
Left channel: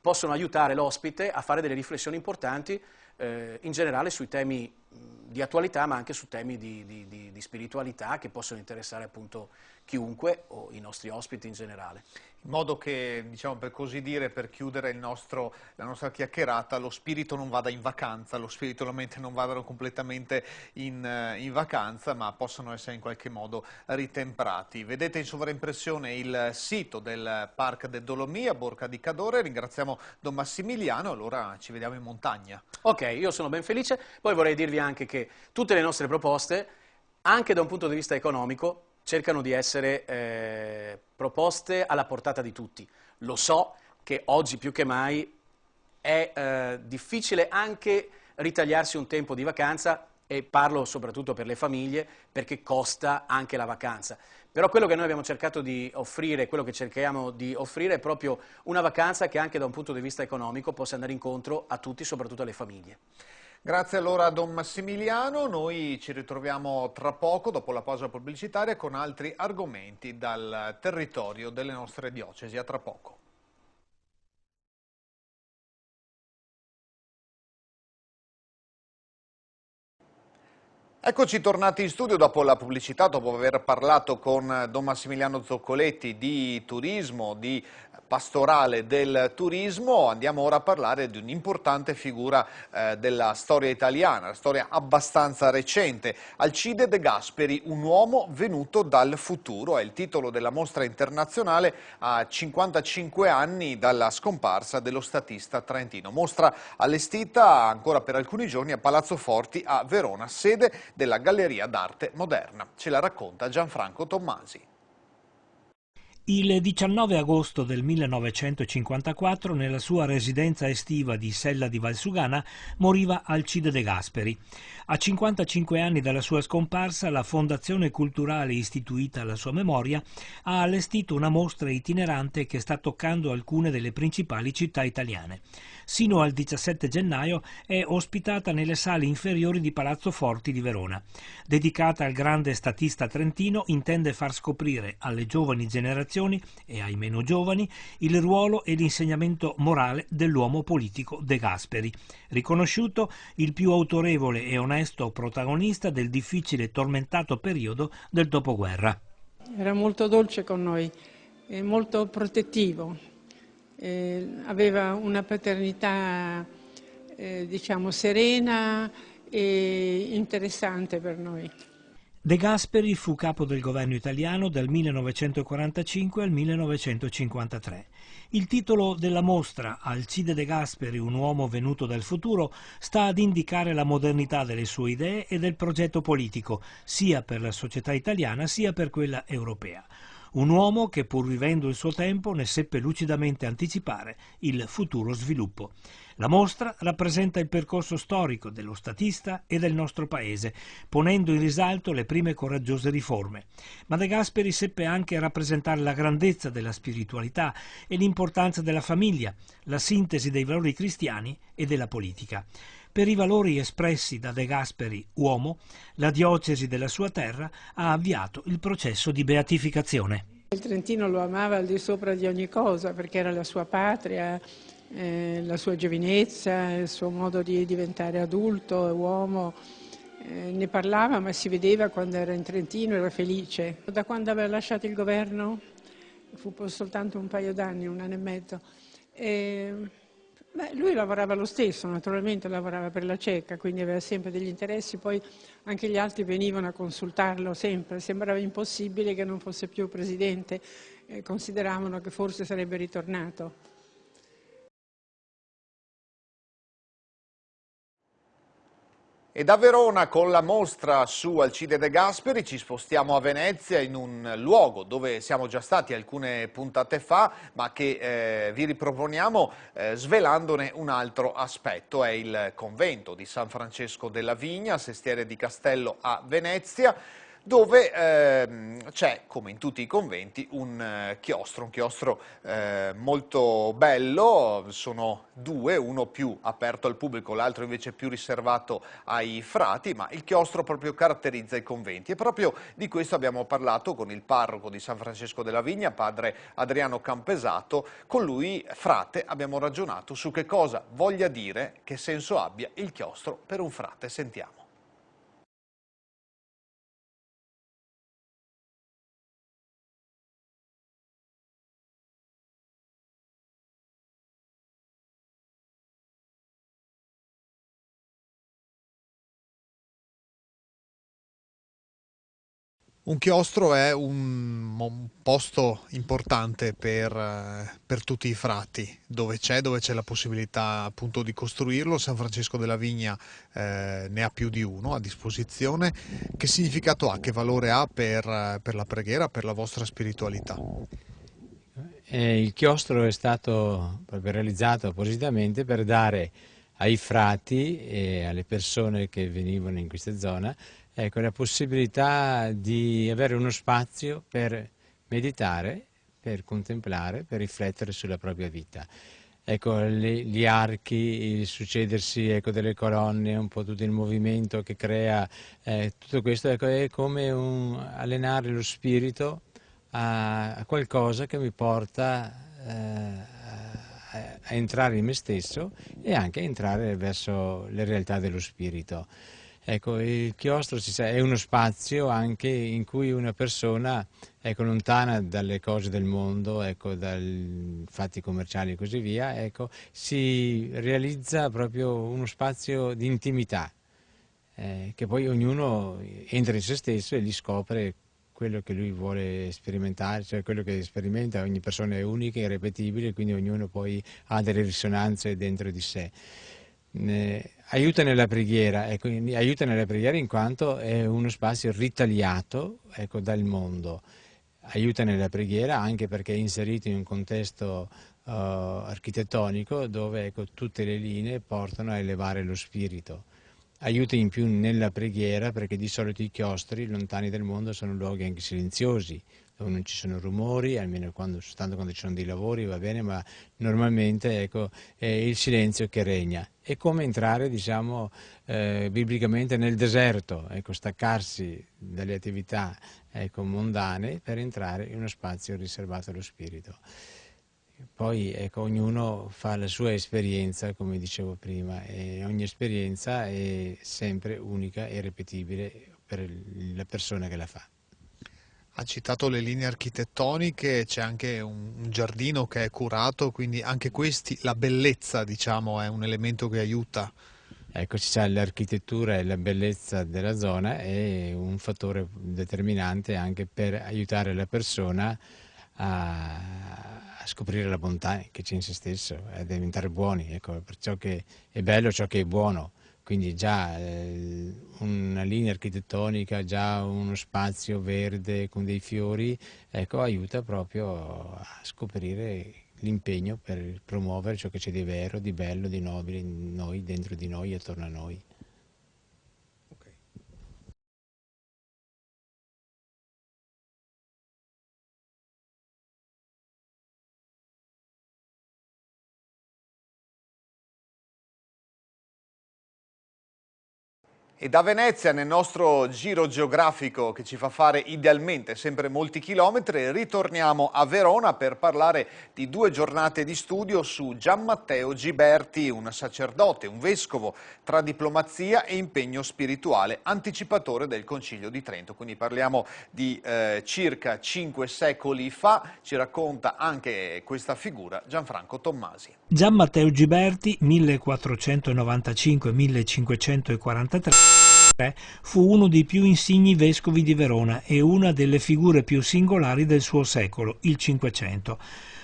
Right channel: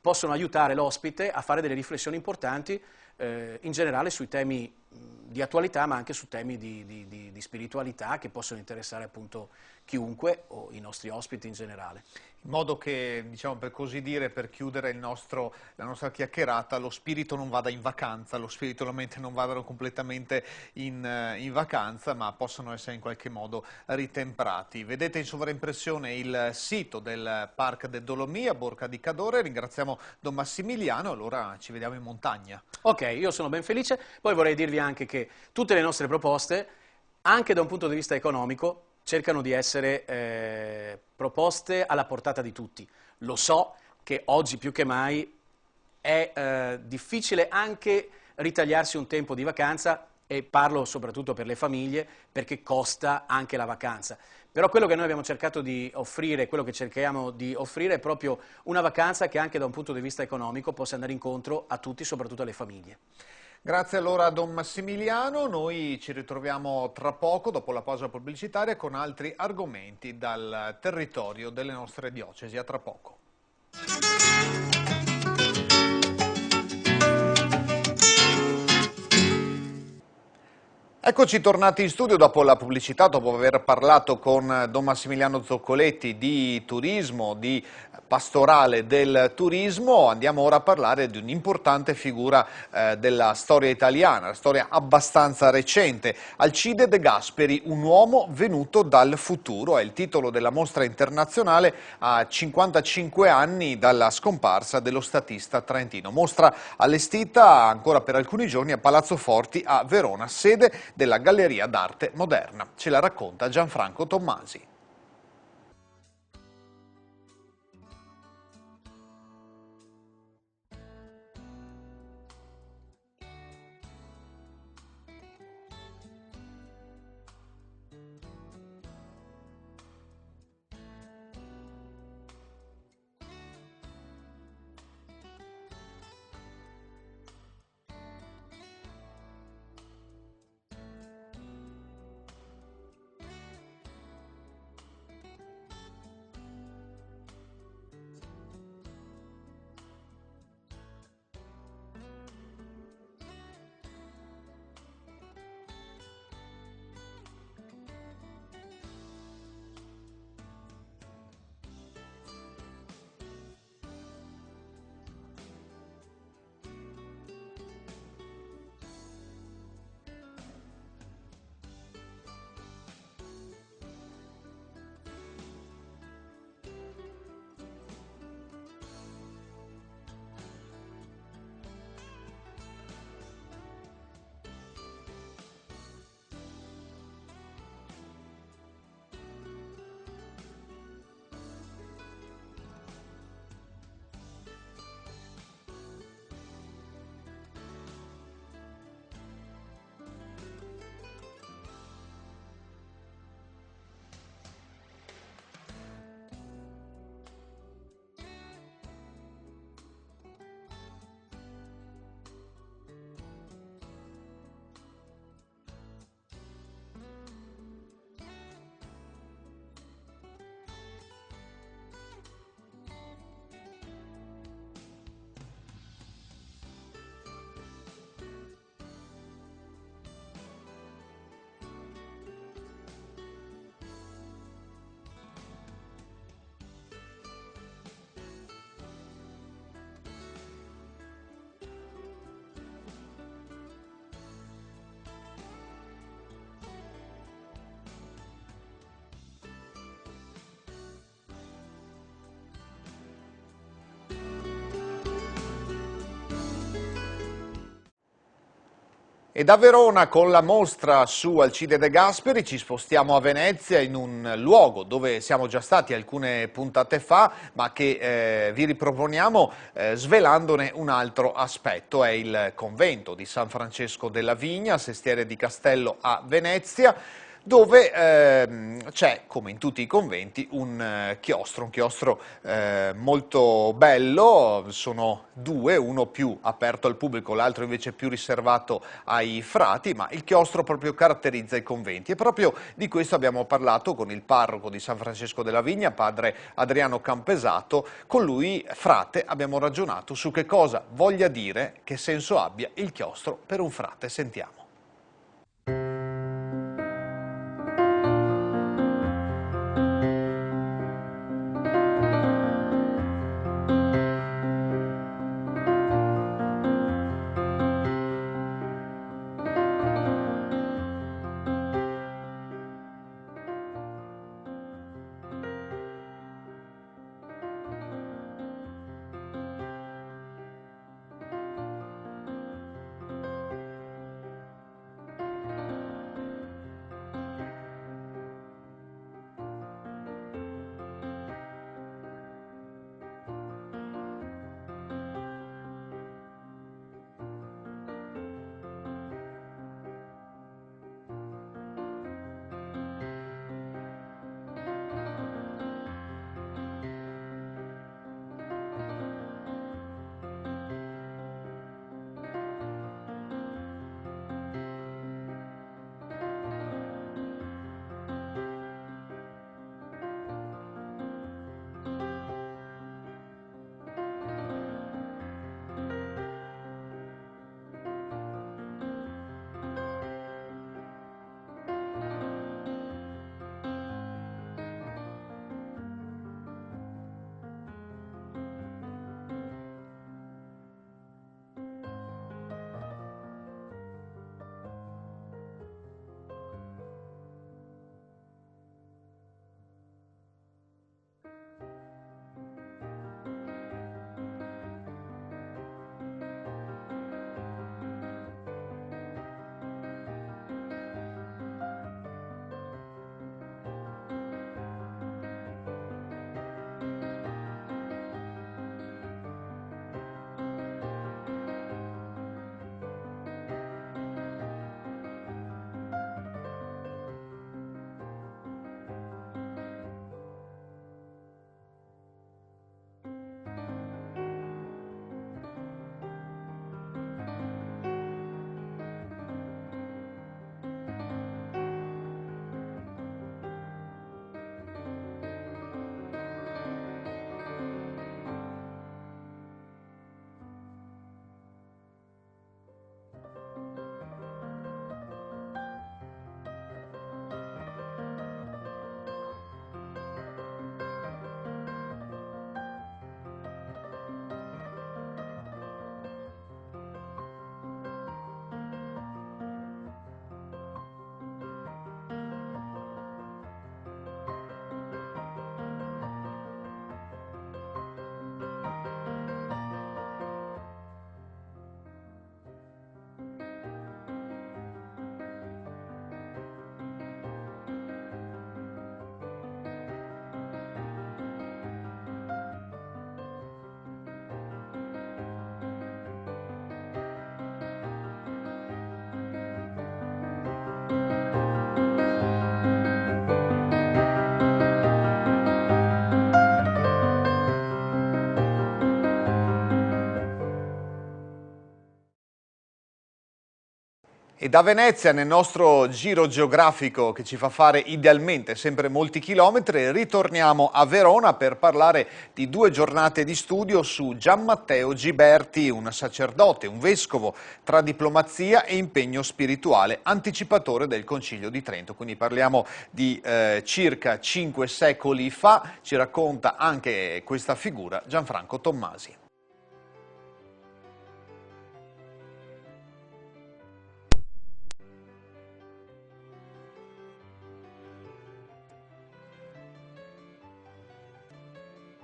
possono aiutare l'ospite a fare delle riflessioni importanti in generale sui temi di attualità, ma anche su temi di spiritualità che possono interessare appunto chiunque o i nostri ospiti in generale. In modo che, diciamo, per così dire, per chiudere la nostra chiacchierata, lo spirito non vada in vacanza, lo spirito e la mente non vadano completamente in vacanza, ma possono essere in qualche modo ritemprati. Vedete in sovraimpressione il sito del Parc del Dolomì a Borca di Cadore. Ringraziamo Don Massimiliano, allora ci vediamo in montagna. Ok, io sono ben felice. Poi vorrei dirvi anche che tutte le nostre proposte, anche da un punto di vista economico, cercano di essere proposte alla portata di tutti. Lo so che oggi più che mai è difficile anche ritagliarsi un tempo di vacanza, e parlo soprattutto per le famiglie, perché costa anche la vacanza. Però quello che noi abbiamo cercato di offrire, quello che cerchiamo di offrire è proprio una vacanza che anche da un punto di vista economico possa andare incontro a tutti, soprattutto alle famiglie. Grazie allora a Don Massimiliano, noi ci ritroviamo tra poco, dopo la pausa pubblicitaria, con altri argomenti dal territorio delle nostre diocesi. A tra poco. Eccoci tornati in studio dopo la pubblicità, dopo aver parlato con Don Massimiliano Zoccoletti di turismo, di pastorale del turismo. Andiamo ora a parlare di un'importante figura della storia italiana, la storia abbastanza recente. Alcide De Gasperi, un uomo venuto dal futuro, è il titolo della mostra internazionale a 55 anni dalla scomparsa dello statista trentino. Mostra allestita ancora per alcuni giorni a Palazzo Forti a Verona, sede della Galleria d'Arte Moderna. Ce la racconta Gianfranco Tommasi. Il 19 agosto del 1954, nella sua residenza estiva di Sella di Valsugana, moriva Alcide De Gasperi. A 55 anni dalla sua scomparsa, la Fondazione Culturale istituita alla sua memoria ha allestito una mostra itinerante che sta toccando alcune delle principali città italiane. Sino al 17 gennaio è ospitata nelle sale inferiori di Palazzo Forti di Verona. Dedicata al grande statista trentino, intende far scoprire alle giovani generazioni e ai meno giovani il ruolo e l'insegnamento morale dell'uomo politico De Gasperi, riconosciuto il più autorevole e onesto protagonista del difficile e tormentato periodo del dopoguerra. Era molto dolce con noi, molto protettivo. Aveva una paternità diciamo serena e interessante per noi. De Gasperi fu capo del governo italiano dal 1945 al 1953. Il titolo della mostra, Alcide De Gasperi, un uomo venuto dal futuro, sta ad indicare la modernità delle sue idee e del progetto politico, sia per la società italiana sia per quella europea. Un uomo che, pur vivendo il suo tempo, ne seppe lucidamente anticipare il futuro sviluppo. La mostra rappresenta il percorso storico dello statista e del nostro paese, ponendo in risalto le prime coraggiose riforme. Ma De Gasperi seppe anche rappresentare la grandezza della spiritualità e l'importanza della famiglia, la sintesi dei valori cristiani e della politica. Per i valori espressi da De Gasperi, uomo, la diocesi della sua terra ha avviato il processo di beatificazione. Il Trentino lo amava al di sopra di ogni cosa perché era la sua patria, la sua giovinezza, il suo modo di diventare adulto e uomo. Ne parlava, ma si vedeva quando era in Trentino, era felice. Da quando aveva lasciato il governo, fu soltanto un paio d'anni, un anno e mezzo. Lui lavorava lo stesso, naturalmente lavorava per la Ceca, quindi aveva sempre degli interessi, poi anche gli altri venivano a consultarlo sempre, sembrava impossibile che non fosse più presidente, consideravano che forse sarebbe ritornato. E da Verona con la mostra su Alcide De Gasperi ci spostiamo a Venezia, in un luogo dove siamo già stati alcune puntate fa, ma che vi riproponiamo svelandone un altro aspetto. È il convento di San Francesco della Vigna, Sestiere di Castello a Venezia, dove c'è, come in tutti i conventi, un chiostro molto bello. Sono due, uno più aperto al pubblico, l'altro invece più riservato ai frati, ma il chiostro proprio caratterizza i conventi, e proprio di questo abbiamo parlato con il parroco di San Francesco della Vigna, padre Adriano Campesato. Con lui, frate, abbiamo ragionato su che cosa voglia dire, che senso abbia il chiostro per un frate. Sentiamo. Un chiostro è un posto importante per tutti i frati, dove c'è la possibilità appunto di costruirlo. San Francesco della Vigna ne ha più di uno a disposizione. Che significato ha, che valore ha per la preghiera, per la vostra spiritualità? Il chiostro è stato proprio realizzato appositamente per dare ai frati e alle persone che venivano in questa zona la possibilità di avere uno spazio per meditare, per contemplare, per riflettere sulla propria vita. Gli archi, il succedersi delle colonne, un po' tutto il movimento che crea, tutto questo è come allenare lo spirito a qualcosa che mi porta a entrare in me stesso e anche a entrare verso le realtà dello spirito. Ecco, il chiostro è uno spazio anche in cui una persona, ecco, lontana dalle cose del mondo, ecco, dai fatti commerciali e così via, ecco, si realizza proprio uno spazio di intimità, che poi ognuno entra in se stesso e lì scopre quello che lui vuole sperimentare, cioè quello che sperimenta. Ogni persona è unica, irripetibile, quindi ognuno poi ha delle risonanze dentro di sé. Aiuta nella preghiera, ecco, aiuta nella preghiera in quanto è uno spazio ritagliato, ecco, dal mondo. Aiuta nella preghiera anche perché è inserito in un contesto architettonico dove, ecco, tutte le linee portano a elevare lo spirito. Aiuta in più nella preghiera perché di solito i chiostri lontani dal mondo sono luoghi anche silenziosi, dove non ci sono rumori, almeno soltanto quando ci sono dei lavori va bene, ma normalmente, ecco, è il silenzio che regna. È come entrare, diciamo, biblicamente nel deserto, ecco, staccarsi dalle attività, ecco, mondane per entrare in uno spazio riservato allo spirito. Poi, ecco, ognuno fa la sua esperienza, come dicevo prima, e ogni esperienza è sempre unica e irripetibile per la persona che la fa. Ha citato le linee architettoniche, c'è anche un giardino che è curato, quindi anche questi, la bellezza, diciamo, è un elemento che aiuta. Ecco, c'è l'architettura e la bellezza della zona è un fattore determinante anche per aiutare la persona a scoprire la bontà che c'è in se stesso, a diventare buoni, ecco, per ciò che è bello, ciò che è buono. Quindi già una linea architettonica, già uno spazio verde con dei fiori, ecco, aiuta proprio a scoprire l'impegno per promuovere ciò che c'è di vero, di bello, di nobile in noi, dentro di noi e attorno a noi. E da Venezia, nel nostro giro geografico che ci fa fare idealmente sempre molti chilometri, ritorniamo a Verona per parlare di 2 giornate di studio su Gian Matteo Giberti, un sacerdote, un vescovo tra diplomazia e impegno spirituale, anticipatore del Concilio di Trento. Quindi parliamo di circa 5 secoli fa. Ci racconta anche questa figura Gianfranco Tommasi. Gian Matteo Giberti, 1495-1543, fu uno dei più insigni vescovi di Verona e una delle figure più singolari del suo secolo, il Cinquecento.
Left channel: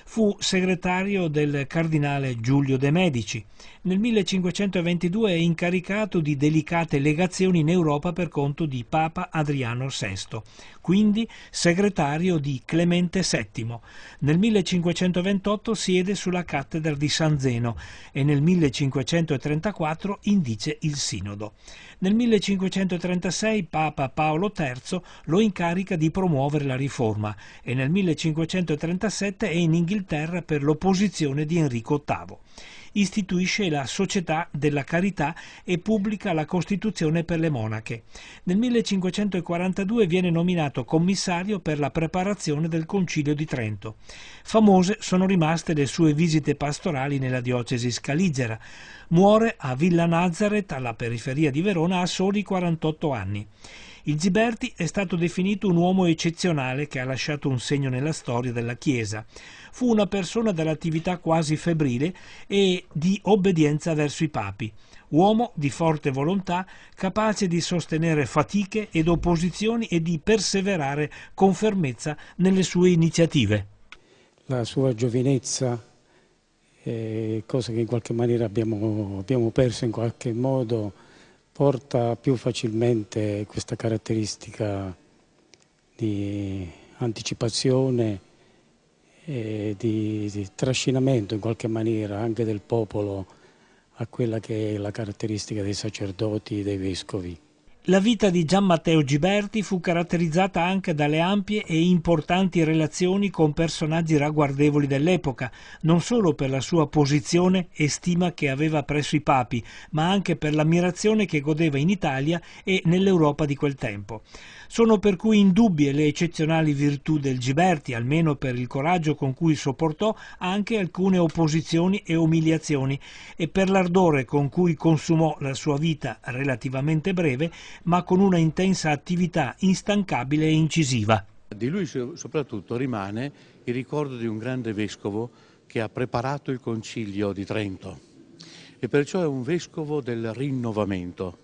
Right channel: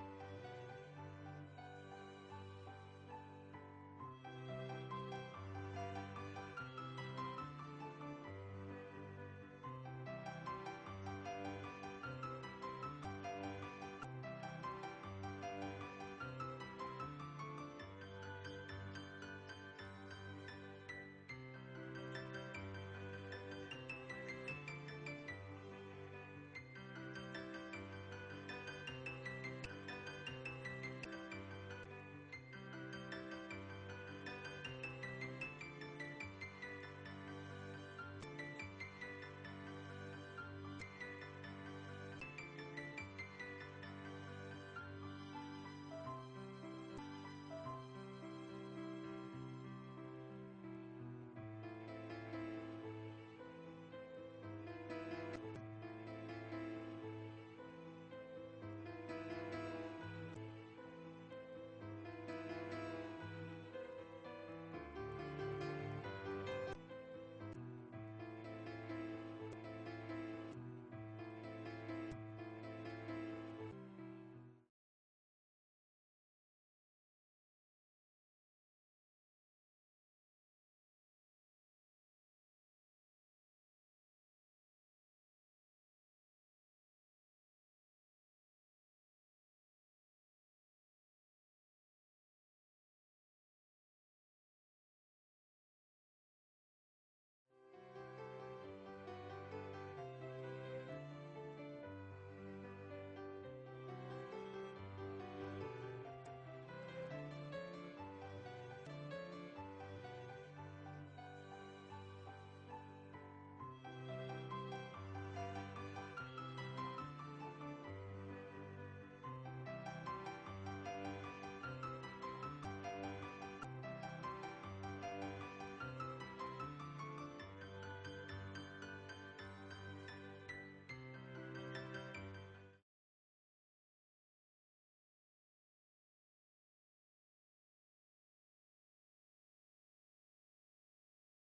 Fu segretario del cardinale Giulio de' Medici. Nel 1522 è incaricato di delicate legazioni in Europa per conto di Papa Adriano VI, quindi segretario di Clemente VII. Nel 1528 siede sulla cattedra di San Zeno e nel 1534 indice il Sinodo. Nel 1536 Papa Paolo III lo incarica di promuovere la riforma e nel 1537 è in Inghilterra per l'opposizione di Enrico VIII. Istituisce la Società della Carità e pubblica la Costituzione per le monache. Nel 1542 viene nominato commissario per la preparazione del Concilio di Trento. Famose sono rimaste le sue visite pastorali nella diocesi scaligera. Muore a Villa Nazareth, alla periferia di Verona, a soli 48 anni. Il Giberti è stato definito un uomo eccezionale che ha lasciato un segno nella storia della Chiesa. Fu una persona dall'attività quasi febbrile e di obbedienza verso i papi. Uomo di forte volontà, capace di sostenere fatiche ed opposizioni e di perseverare con fermezza nelle sue iniziative. La sua giovinezza, cosa che in qualche maniera abbiamo perso in qualche modo, porta più facilmente questa caratteristica di anticipazione e di trascinamento in qualche maniera anche del popolo a quella che è la caratteristica dei sacerdoti e dei vescovi. La vita di Gian Matteo Giberti fu caratterizzata anche dalle ampie e importanti relazioni con personaggi ragguardevoli dell'epoca, non solo per la sua posizione e stima che aveva presso i papi, ma anche per l'ammirazione che godeva in Italia e nell'Europa di quel tempo. Sono per cui indubbie le eccezionali virtù del Giberti, almeno per il coraggio con cui sopportò anche alcune opposizioni e umiliazioni e per l'ardore con cui consumò la sua vita relativamente breve, ma con una intensa attività instancabile e incisiva. Di lui soprattutto rimane il ricordo di un grande vescovo che ha preparato il Concilio di Trento e perciò è un vescovo del rinnovamento,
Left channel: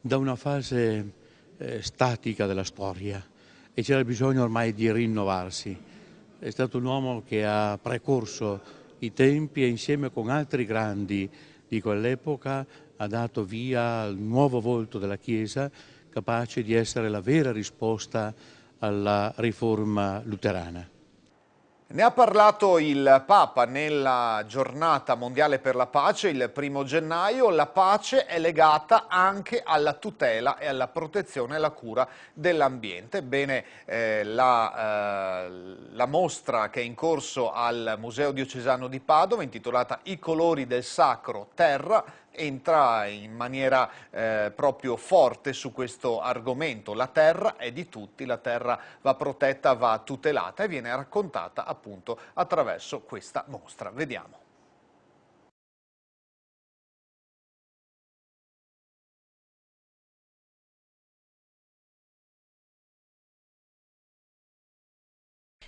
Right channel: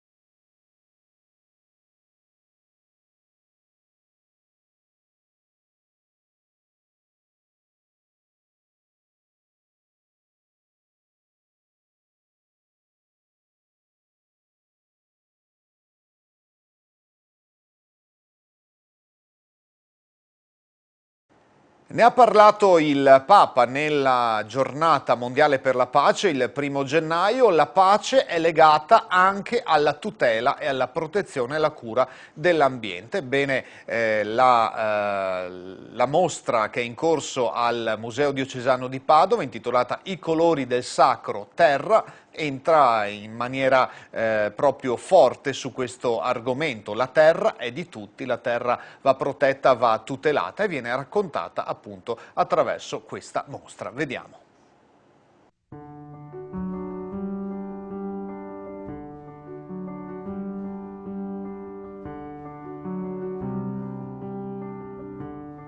da una fase statica della storia, e c'era bisogno ormai di rinnovarsi. È stato un uomo che ha precorso i tempi e insieme con altri grandi di quell'epoca ha dato via al nuovo volto della Chiesa, capace di essere la vera risposta alla riforma luterana. Ne ha parlato il Papa nella giornata mondiale per la pace, il 1° gennaio. La pace è legata anche alla tutela e alla protezione e alla cura dell'ambiente. Bene, la mostra che è in corso al Museo Diocesano di Padova, intitolata I colori del sacro terra, entra in maniera proprio forte su questo argomento. La terra è di tutti, la terra va protetta, va tutelata e viene raccontata appunto attraverso questa mostra. Vediamo.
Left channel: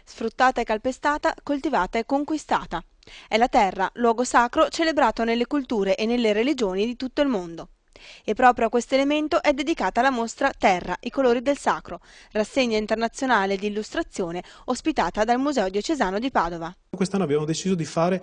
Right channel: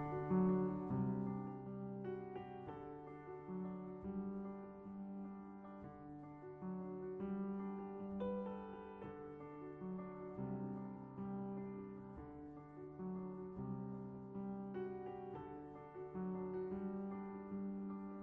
Sfruttata e calpestata, coltivata e conquistata. È la terra, luogo sacro celebrato nelle culture e nelle religioni di tutto il mondo. E proprio a questo elemento è dedicata la mostra Terra, i colori del sacro, rassegna internazionale di illustrazione ospitata dal Museo Diocesano di Padova. Quest'anno abbiamo deciso di fare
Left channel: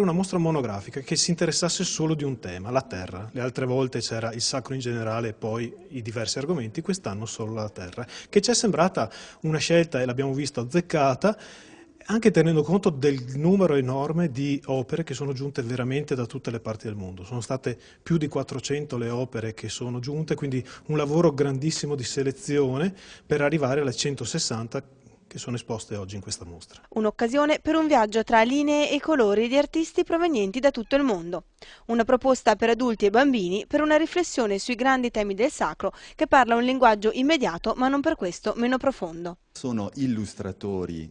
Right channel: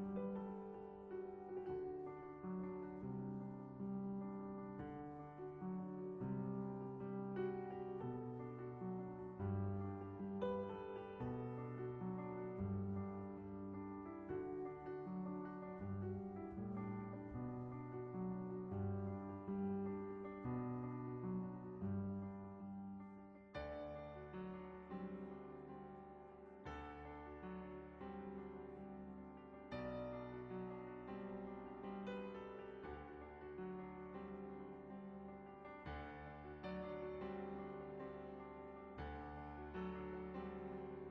una mostra monografica che si interessasse solo di un tema, la terra. Le altre volte c'era il sacro in generale e poi i diversi argomenti, quest'anno solo la terra, che ci è sembrata una scelta, e l'abbiamo visto, azzeccata, anche tenendo conto del numero enorme di opere che sono giunte veramente da tutte le parti del mondo. Sono state più di 400 le opere che sono giunte, quindi un lavoro grandissimo di selezione per arrivare alle 160 che sono esposte oggi in questa mostra. Un'occasione per un viaggio tra linee e colori di artisti provenienti da tutto il mondo. Una proposta per adulti e bambini per una riflessione sui grandi temi del sacro che parla un linguaggio immediato ma non per questo meno profondo. Sono illustratori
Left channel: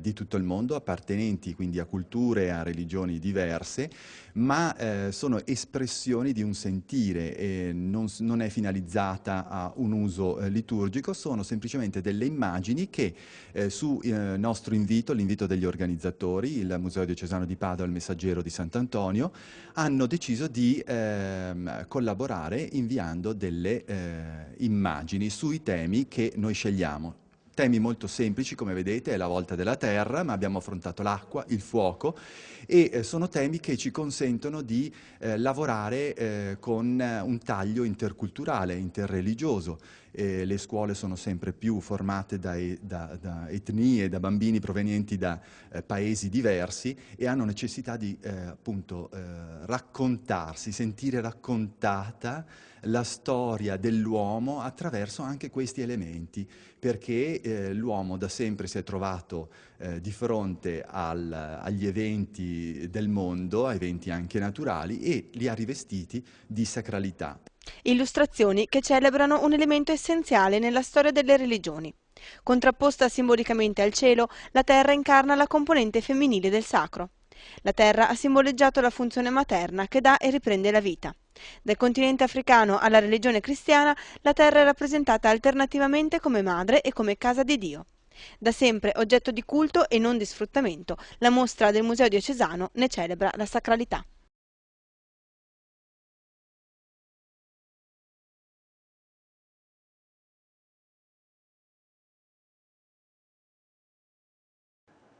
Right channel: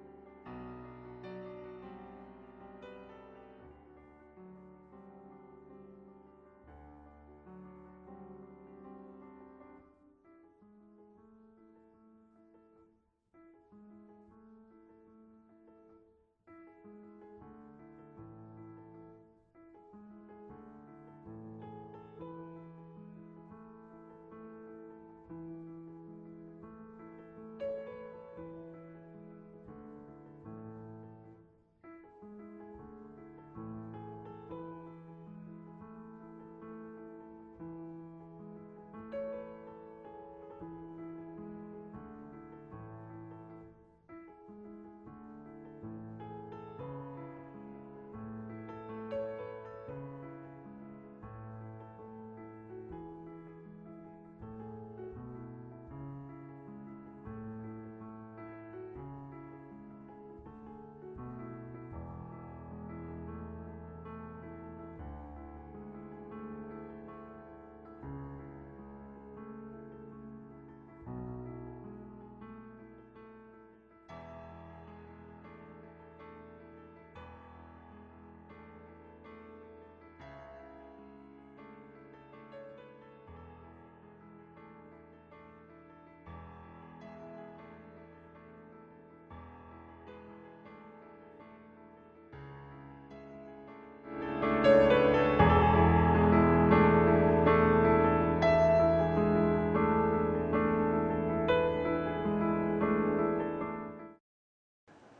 di tutto il mondo, appartenenti quindi a culture e a religioni diverse, ma sono espressioni di un sentire e non è finalizzata a un uso liturgico, sono semplicemente delle immagini che su nostro invito, l'invito degli organizzatori, il Museo Diocesano di Padova e il Messaggero di Sant'Antonio, hanno deciso di collaborare inviando delle immagini sui temi che noi scegliamo. Temi molto semplici, come vedete, è la volta della terra, ma abbiamo affrontato l'acqua, il fuoco, e sono temi che ci consentono di lavorare con un taglio interculturale, interreligioso. Le scuole sono sempre più formate da etnie, da bambini provenienti da paesi diversi e hanno necessità di appunto raccontarsi, sentire raccontata la storia dell'uomo attraverso anche questi elementi, perché l'uomo da sempre si è trovato di fronte agli eventi del mondo, a eventi anche naturali, e li ha rivestiti di sacralità. Illustrazioni che celebrano un elemento essenziale nella storia delle religioni. Contrapposta simbolicamente al cielo, la terra incarna la componente femminile del sacro. La terra ha simboleggiato la funzione materna che dà e riprende la vita. Dal continente africano alla religione cristiana, la terra è rappresentata alternativamente come madre e come casa di Dio. Da sempre oggetto di culto e non di sfruttamento, la mostra del Museo Diocesano ne celebra la sacralità.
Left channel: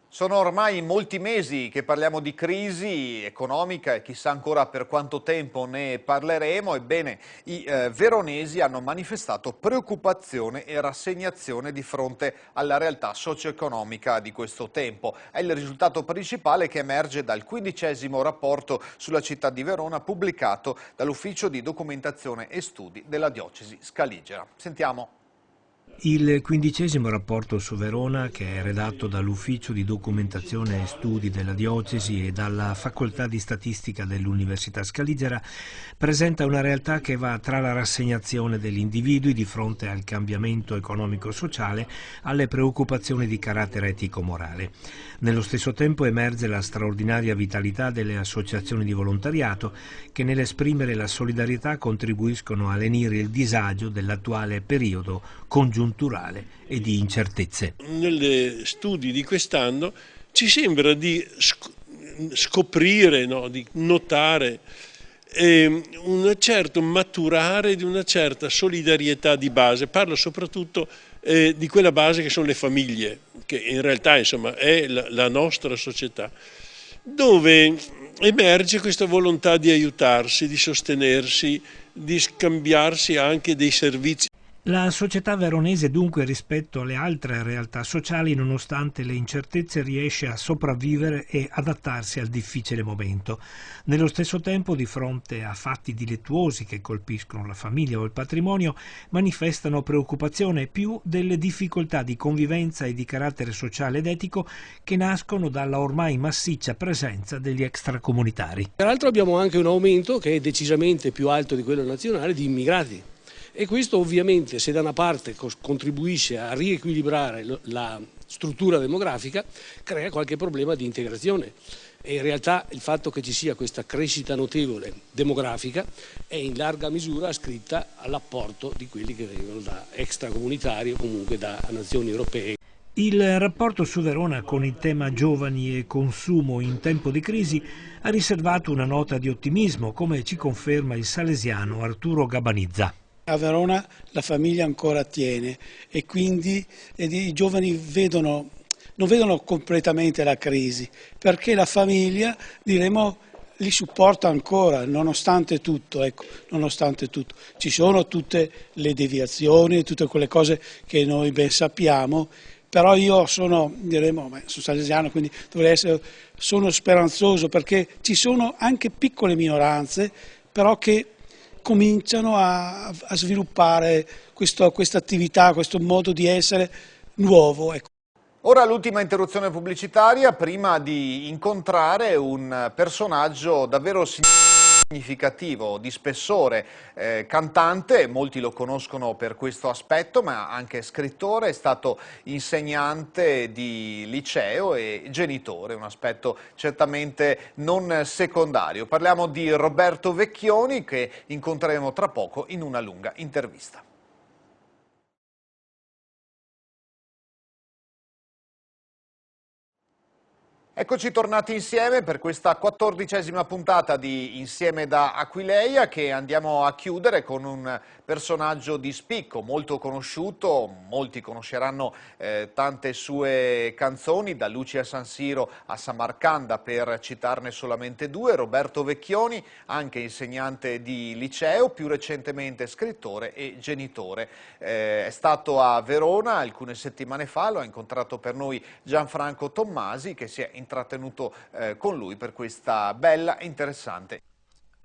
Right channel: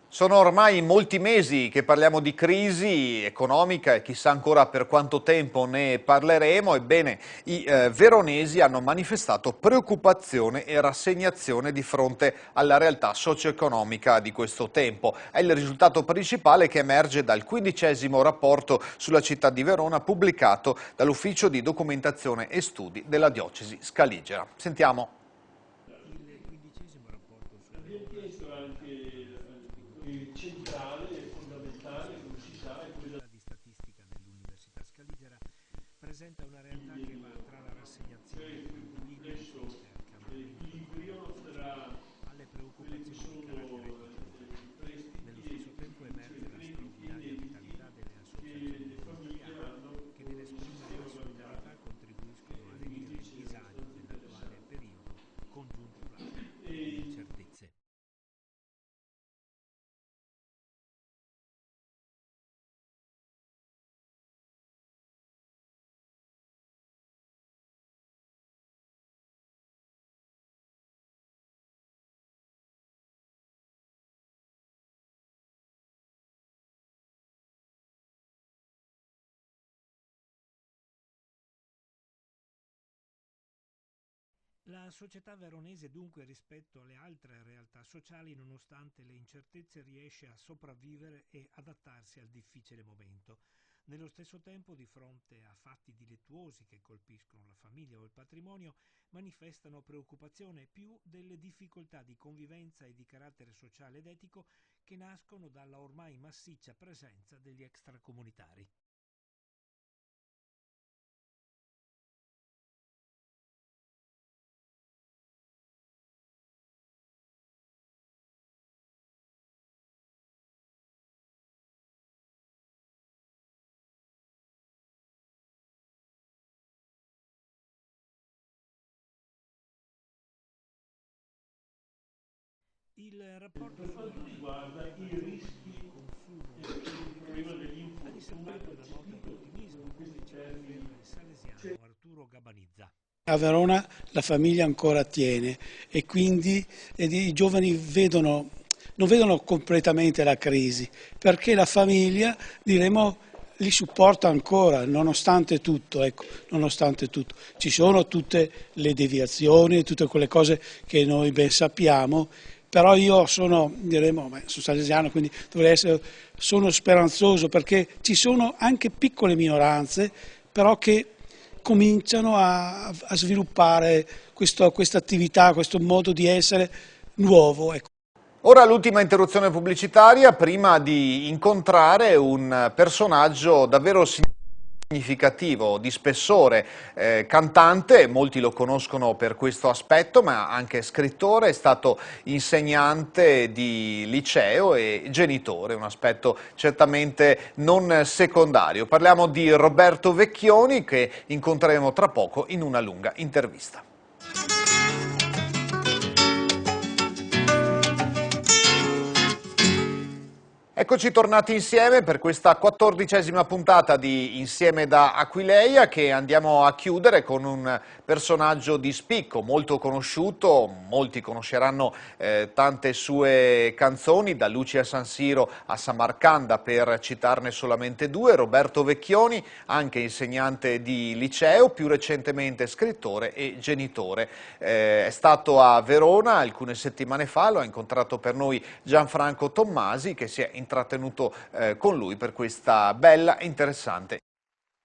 Sono ormai molti mesi che parliamo di crisi economica e chissà ancora per quanto tempo ne parleremo. Ebbene, i veronesi hanno manifestato preoccupazione e rassegnazione di fronte alla realtà socio-economica di questo tempo. È il risultato principale che emerge dal 15° rapporto sulla città di Verona pubblicato dall'Ufficio di Documentazione e Studi della Diocesi Scaligera. Sentiamo. Il 15° rapporto su Verona, che è redatto dall'Ufficio di Documentazione e Studi della Diocesi e dalla Facoltà di Statistica dell'Università Scaligera, presenta una realtà che va tra la rassegnazione degli individui di fronte al cambiamento economico-sociale alle preoccupazioni di carattere etico-morale. Nello stesso tempo emerge la straordinaria vitalità delle associazioni di volontariato che nell'esprimere la solidarietà contribuiscono a lenire il disagio dell'attuale periodo congiunturale e di incertezze. Negli studi di quest'anno ci sembra di scoprire, no, di notare un certo maturare di una certa solidarietà di base. Parlo soprattutto di quella base che sono le famiglie, che in realtà insomma è la nostra società, dove emerge questa volontà di aiutarsi, di sostenersi, di scambiarsi anche dei servizi. La società veronese dunque rispetto alle altre realtà sociali, nonostante le incertezze, riesce a sopravvivere e adattarsi al difficile momento. Nello stesso tempo, di fronte a fatti dilittuosi che colpiscono la famiglia o il patrimonio, manifestano preoccupazione più delle difficoltà di convivenza e di carattere sociale ed etico che nascono dalla ormai massiccia presenza degli extracomunitari. Peraltro abbiamo anche un aumento che è decisamente più alto di quello nazionale di immigrati. E questo ovviamente, se da una parte contribuisce a riequilibrare la struttura demografica, crea qualche problema di integrazione. E in realtà il fatto che ci sia questa crescita notevole demografica è in larga misura ascritta all'apporto di quelli che vengono da extracomunitari o comunque da nazioni europee. Il rapporto su Verona con il tema giovani e consumo in tempo di crisi ha riservato una nota di ottimismo, come ci conferma il salesiano Arturo Gabanizza. A Verona la famiglia ancora tiene e quindi i giovani non vedono completamente la crisi, perché la famiglia, diremo, li supporta ancora, nonostante tutto, ecco, nonostante tutto. Ci sono tutte le deviazioni, tutte quelle cose che noi ben sappiamo, però io sono salesiano, quindi sono speranzoso, perché ci sono anche piccole minoranze, però che cominciano a sviluppare questa attività, questo modo di essere nuovo. Ecco. Ora l'ultima interruzione pubblicitaria prima di incontrare un personaggio davvero significativo, di spessore, cantante, molti lo conoscono per questo aspetto, ma anche scrittore, è stato insegnante di liceo e genitore, un aspetto certamente non secondario. Parliamo di Roberto Vecchioni, che incontreremo tra poco in una lunga intervista. Eccoci tornati insieme per questa 14ª puntata di Insieme da Aquileia, che andiamo a chiudere con un personaggio di spicco, molto conosciuto, molti conosceranno tante sue canzoni, da Lucia San Siro a Samarcanda, per citarne solamente due. Roberto Vecchioni, anche insegnante di liceo, più recentemente scrittore e genitore. È stato a Verona alcune settimane fa, lo ha incontrato per noi Gianfranco Tommasi, che si è intrattenuto con lui per questa bella e interessante.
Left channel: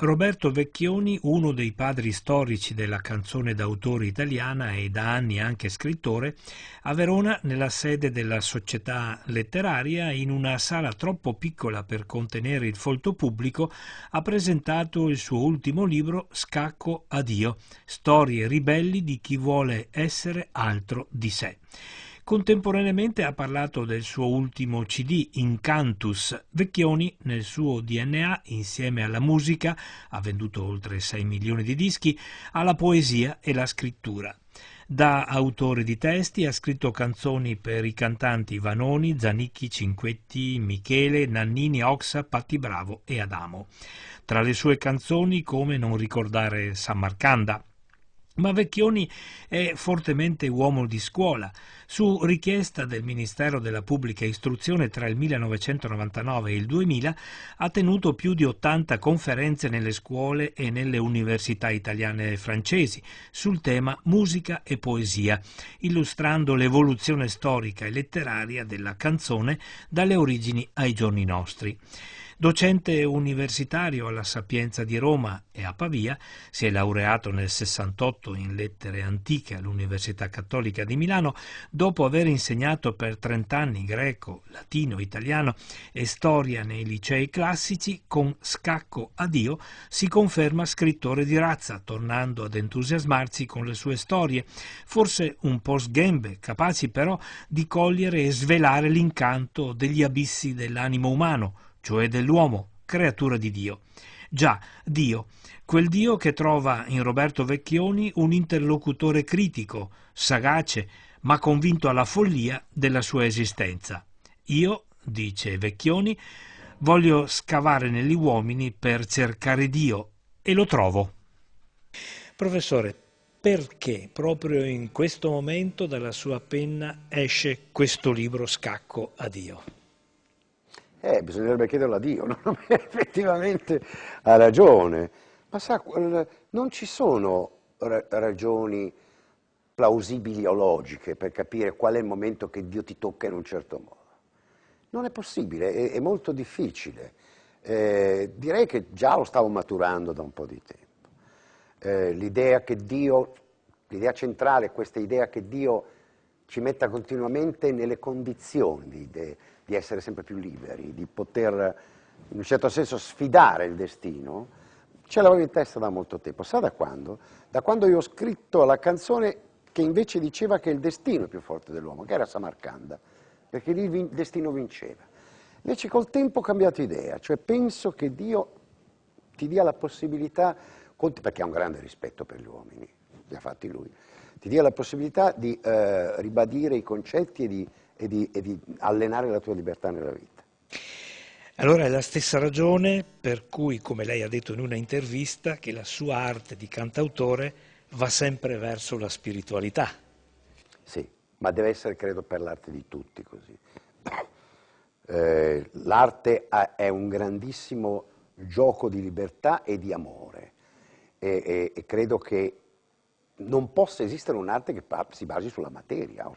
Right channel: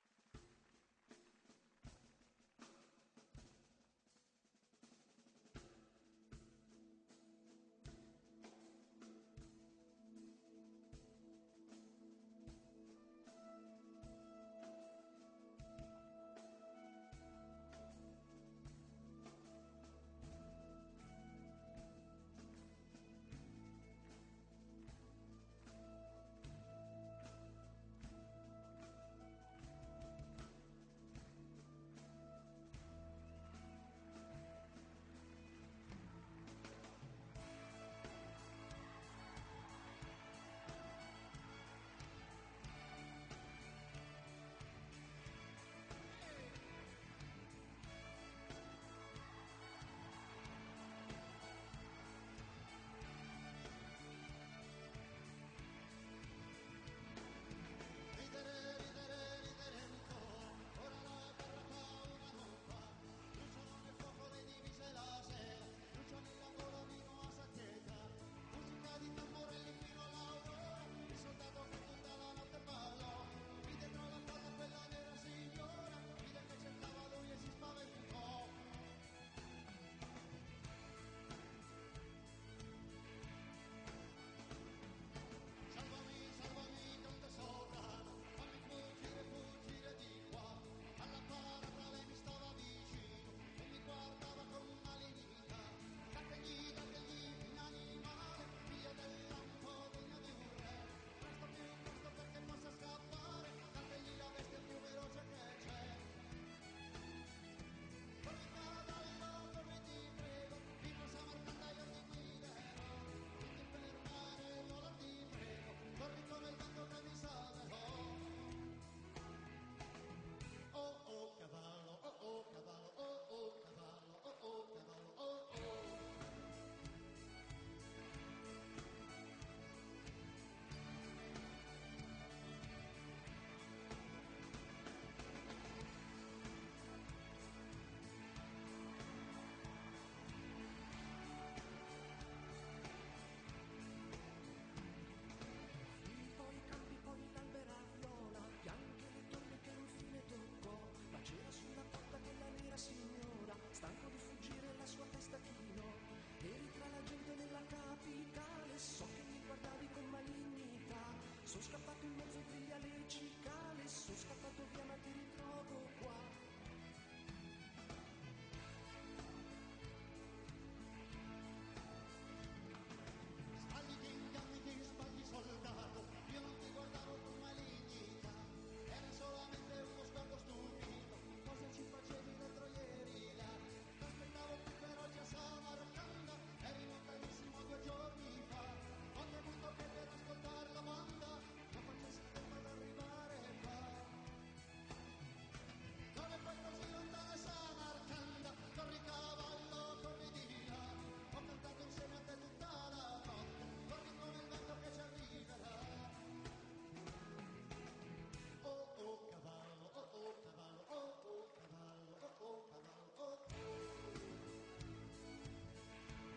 Roberto Vecchioni, uno dei padri storici della canzone d'autore italiana e da anni anche scrittore, a Verona, nella sede della Società Letteraria, in una sala troppo piccola per contenere il folto pubblico, ha presentato il suo ultimo libro Scacco a Dio, storie ribelli di chi vuole essere altro di sé. Contemporaneamente ha parlato del suo ultimo CD, Incantus. Vecchioni, nel suo DNA, insieme alla musica, ha venduto oltre 6 milioni di dischi, ha la poesia e la scrittura. Da autore di testi ha scritto canzoni per i cantanti Vanoni, Zanicchi, Cinquetti, Michele, Nannini, Oxa, Patti Bravo e Adamo. Tra le sue canzoni, come non ricordare Samarcanda. Ma Vecchioni è fortemente uomo di scuola. Su richiesta del Ministero della Pubblica Istruzione tra il 1999 e il 2000 ha tenuto più di 80 conferenze nelle scuole e nelle università italiane e francesi sul tema musica e poesia, illustrando l'evoluzione storica e letteraria della canzone dalle origini ai giorni nostri. Docente universitario alla Sapienza di Roma e a Pavia, si è laureato nel 68 in lettere antiche all'Università Cattolica di Milano, dopo aver insegnato per 30 anni greco, latino, italiano e storia nei licei classici. Con Scacco a Dio si conferma scrittore di razza, tornando ad entusiasmarsi con le sue storie, forse un po' sghembe, capaci però di cogliere e svelare l'incanto degli abissi dell'animo umano, cioè dell'uomo, creatura di Dio. Già, Dio, quel Dio che trova in Roberto Vecchioni un interlocutore critico, sagace, ma convinto alla follia della sua esistenza. Io, dice Vecchioni, voglio scavare negli uomini per cercare Dio e lo trovo. Professore, perché proprio in questo momento dalla sua penna esce questo libro Scacco a Dio? Bisognerebbe chiederlo a Dio, no? Effettivamente ha ragione, ma sa, non ci sono ragioni plausibili o logiche per capire qual è il momento che Dio ti tocca in un certo modo. Non è possibile, è molto difficile. Direi che già lo stavo maturando da un po' di tempo. L'idea centrale è questa idea che Dio ci metta continuamente nelle condizioni di essere sempre più liberi, di poter in un certo senso sfidare il destino, ce l'avevo in testa da molto tempo. Sa da quando? Da quando io ho scritto la canzone che invece diceva che il destino è più forte dell'uomo, che era Samarcanda, perché lì il destino vinceva. Invece col tempo ho cambiato idea, cioè penso che Dio ti dia la possibilità, perché ha un grande rispetto per gli uomini, li ha fatti lui, ti dia la possibilità di ribadire i concetti e di allenare la tua libertà nella vita. Allora è la stessa ragione per cui, come lei ha detto in una intervista, che la sua arte di cantautore va sempre verso la spiritualità. Sì, ma deve essere, credo, per l'arte di tutti così. L'arte è un grandissimo gioco di libertà e di amore e credo che non possa esistere un'arte che si basi sulla materia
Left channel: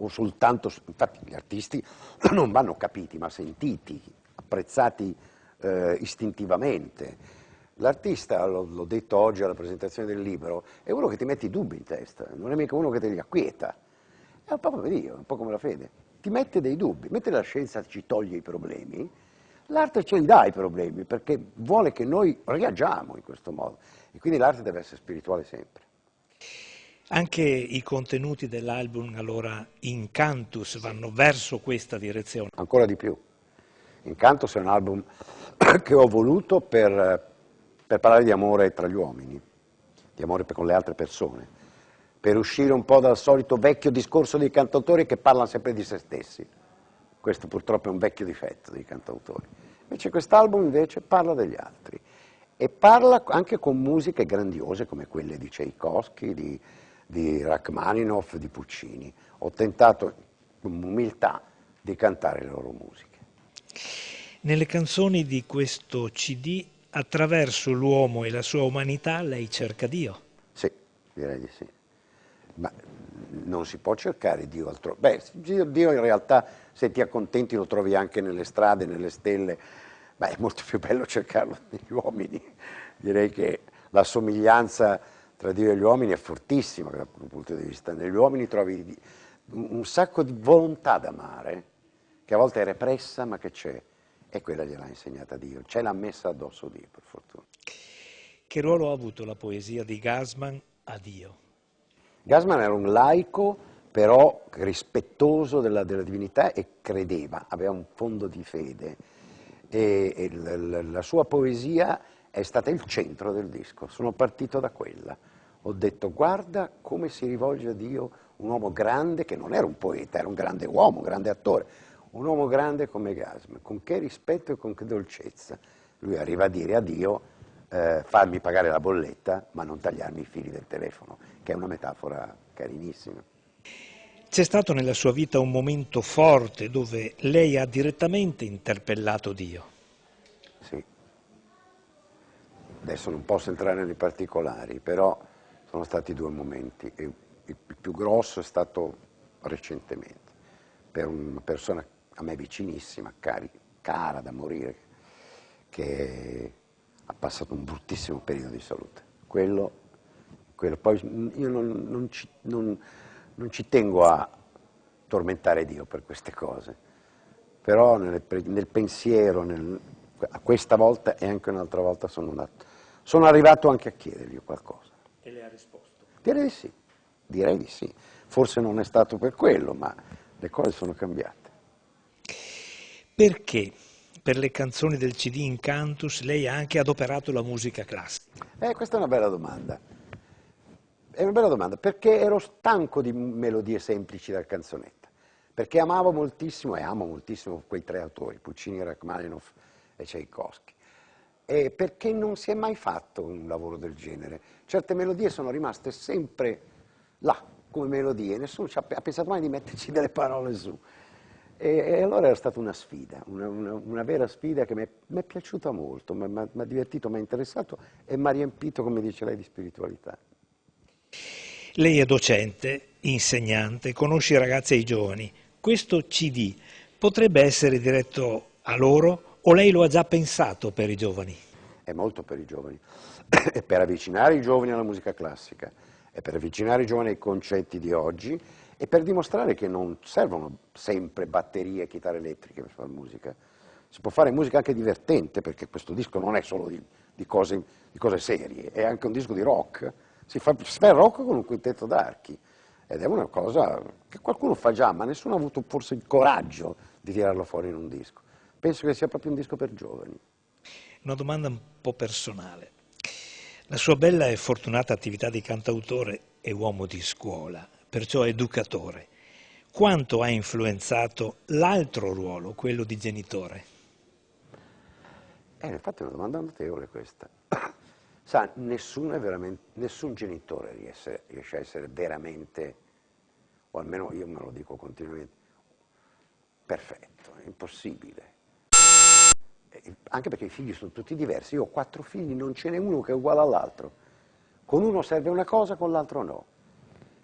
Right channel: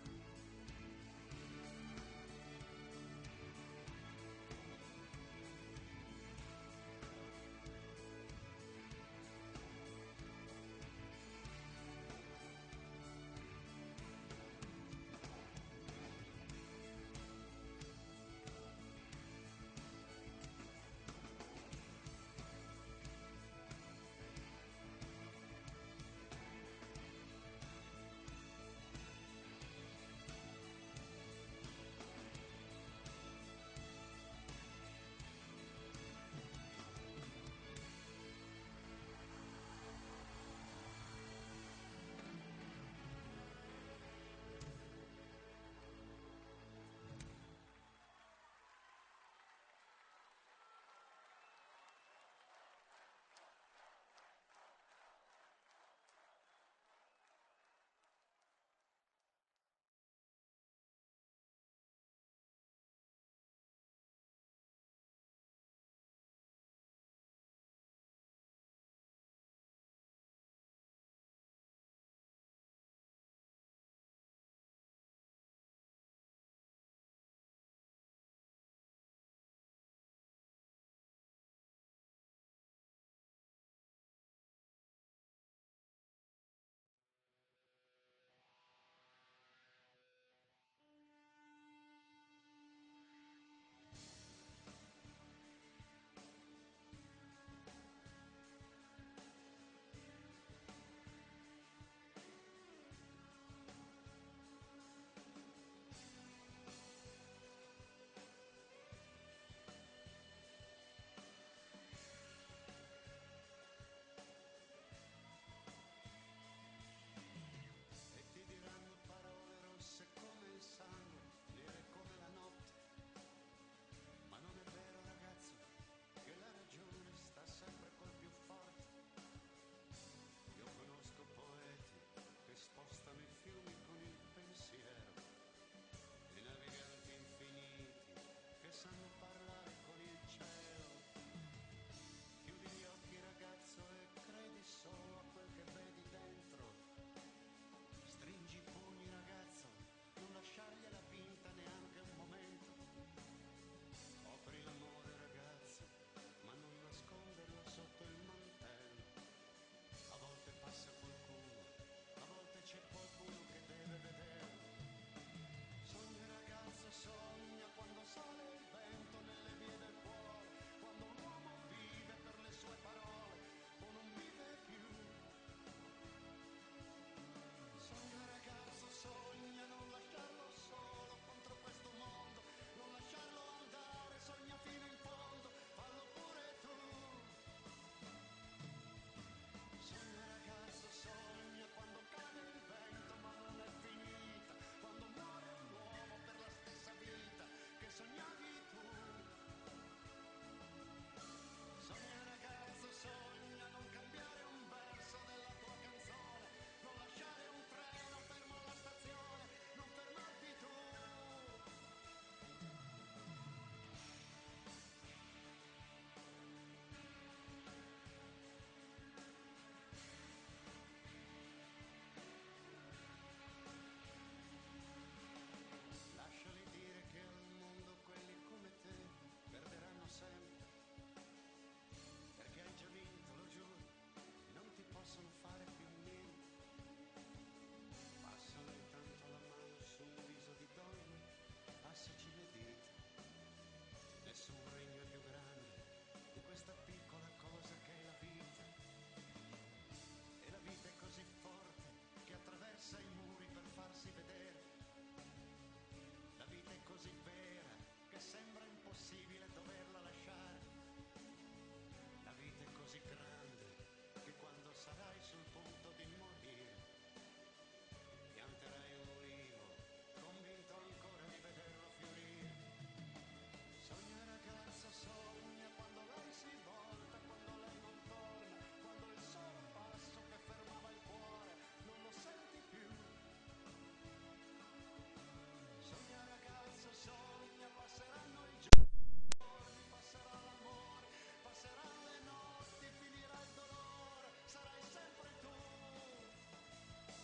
o soltanto, infatti gli artisti non vanno capiti ma sentiti, apprezzati istintivamente. L'artista, l'ho detto oggi alla presentazione del libro, è uno che ti mette i dubbi in testa, non è mica uno che te li acquieta, è un po' come Dio, è un po' come la fede, ti mette dei dubbi, mentre la scienza ci toglie i problemi, l'arte ce li dà i problemi perché vuole che noi reagiamo in questo modo e quindi l'arte deve essere spirituale sempre. Anche i contenuti dell'album, allora, Incantus, vanno verso questa direzione. Ancora di più. Incantus è un album che ho voluto per parlare di amore tra gli uomini, di amore con le altre persone, per uscire un po' dal solito vecchio discorso dei cantautori che parlano sempre di se stessi. Questo purtroppo è un vecchio difetto dei cantautori. Invece quest'album invece parla degli altri e parla anche con musiche grandiose come quelle di Tchaikovsky, di Rachmaninoff, di Puccini. Ho tentato con umiltà di cantare le loro musiche. Nelle canzoni di questo CD, attraverso l'uomo e la sua umanità, lei cerca Dio? Sì, direi di sì. Ma non si può cercare Dio altrove. Beh, Dio in realtà, se ti accontenti, lo trovi anche nelle strade, nelle stelle. Beh, è molto più bello cercarlo negli uomini. Direi che la somiglianza tra Dio e gli uomini è fortissima da quel punto di vista. Negli uomini trovi un sacco di volontà d'amare, che a volte è repressa, ma che c'è. E quella gliel'ha insegnata Dio. Ce l'ha messa addosso Dio, per fortuna. Che ruolo ha avuto la poesia di Gassman a Dio? Gassman era un laico, però rispettoso della divinità e credeva, aveva un fondo di fede. E la sua poesia è stata il centro del disco. Sono partito da quella. Ho detto, guarda come si rivolge a Dio un uomo grande, che non era un poeta, era un grande uomo, un grande attore, un uomo grande come Gassman, con che rispetto e con che dolcezza. Lui arriva a dire a Dio, farmi pagare la bolletta, ma non tagliarmi i fili del telefono, che è una metafora carinissima. C'è stato nella sua vita un momento forte dove lei ha direttamente interpellato Dio? Sì. Adesso non posso entrare nei particolari, però sono stati due momenti. E il più grosso è stato recentemente, per una persona a me vicinissima, cara da morire, che ha passato un bruttissimo periodo di salute. Quello poi io non ci tengo a tormentare Dio per queste cose, però nel pensiero, questa volta e anche un'altra volta sono arrivato anche a chiedergli qualcosa. E le ha risposto? Direi di sì. Forse non è stato per quello, ma le cose sono cambiate. Perché per le canzoni del CD Incantus lei ha anche adoperato la musica classica? Questa è una bella domanda. È una bella domanda, perché ero stanco di melodie semplici da canzonetta, perché amavo moltissimo e amo moltissimo quei tre autori, Puccini, Rachmaninoff e Tchaikovsky, e perché non si è mai fatto un lavoro del genere. Certe melodie sono rimaste sempre là, come melodie, nessuno ha pensato mai di metterci delle parole su. E allora era stata una sfida, una vera sfida che mi è piaciuta molto, mi ha divertito, mi ha interessato e mi ha riempito, come dice lei, di spiritualità. Lei è docente, insegnante, conosce i ragazzi e i giovani. Questo CD potrebbe essere diretto a loro o lei lo ha già pensato per i giovani? È molto per i giovani, è per avvicinare i giovani alla musica classica, è per avvicinare i giovani ai concetti di oggi e per dimostrare che non servono sempre batterie e chitarre elettriche per fare musica. Si può fare musica anche divertente, perché questo disco non è solo di cose serie, è anche un disco di rock. Si fa il rock con un quintetto d'archi ed è una cosa che qualcuno fa già, ma nessuno ha avuto forse il coraggio di tirarlo fuori in un disco. Penso che sia proprio un disco per giovani. Una domanda un po' personale. La sua bella e fortunata attività di cantautore e uomo di scuola, perciò educatore, quanto ha influenzato l'altro ruolo, quello di genitore? Infatti è una domanda notevole questa. Sa, nessun genitore riesce a essere veramente, o almeno io me lo dico continuamente, perfetto, è impossibile. Anche perché i figli sono tutti diversi, io ho 4 figli, non ce n'è uno che è uguale all'altro. Con uno serve una cosa, con l'altro no.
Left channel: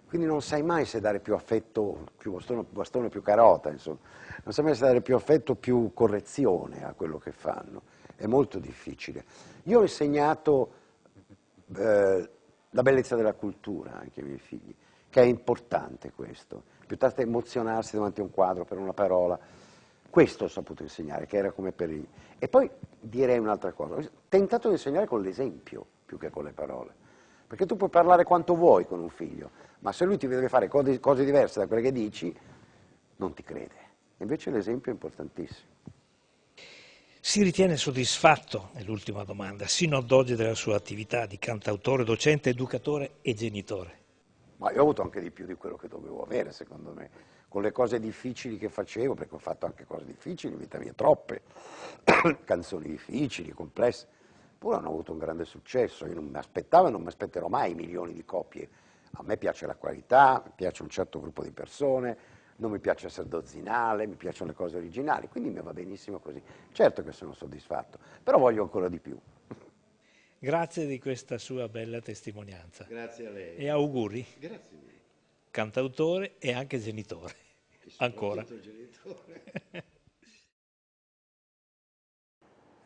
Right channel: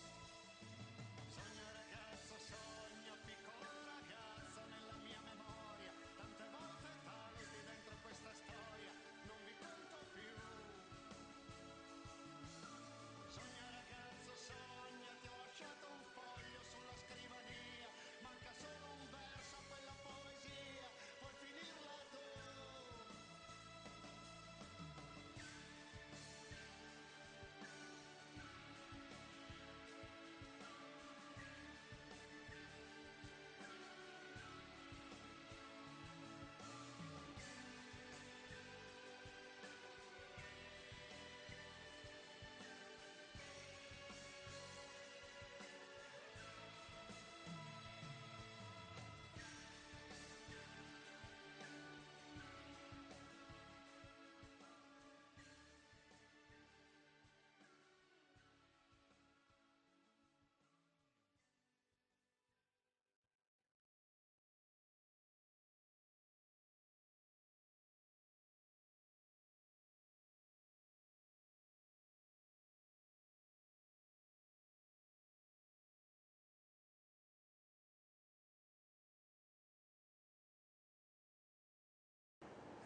Quindi non sai mai se dare più affetto, più bastone, più carota, insomma. Non sai mai se dare più affetto, più correzione a quello che fanno. È molto difficile. Io ho insegnato la bellezza della cultura anche ai miei figli, che è importante questo, piuttosto che emozionarsi davanti a un quadro per una parola. Questo ho saputo insegnare, che era come per il... E poi direi un'altra cosa, ho tentato di insegnare con l'esempio più che con le parole, perché tu puoi parlare quanto vuoi con un figlio, ma se lui ti deve fare cose diverse da quelle che dici, non ti crede. Invece l'esempio è importantissimo. Si ritiene soddisfatto, è l'ultima domanda, sino ad oggi della sua attività di cantautore, docente, educatore e genitore? Ma io ho avuto anche di più di quello che dovevo avere, secondo me, con le cose difficili che facevo, perché ho fatto anche cose difficili in vita mia, troppe, canzoni difficili, complesse, pure hanno avuto un grande successo. Io non mi aspettavo e non mi aspetterò mai milioni di copie. A me piace la qualità, mi piace un certo gruppo di persone, non mi piace essere dozzinale, mi piacciono le cose originali, quindi mi va benissimo così. Certo che sono soddisfatto, però voglio ancora di più. Grazie di questa sua bella testimonianza. Grazie a lei. E auguri. Grazie mille. Cantautore e anche genitore. Ancora.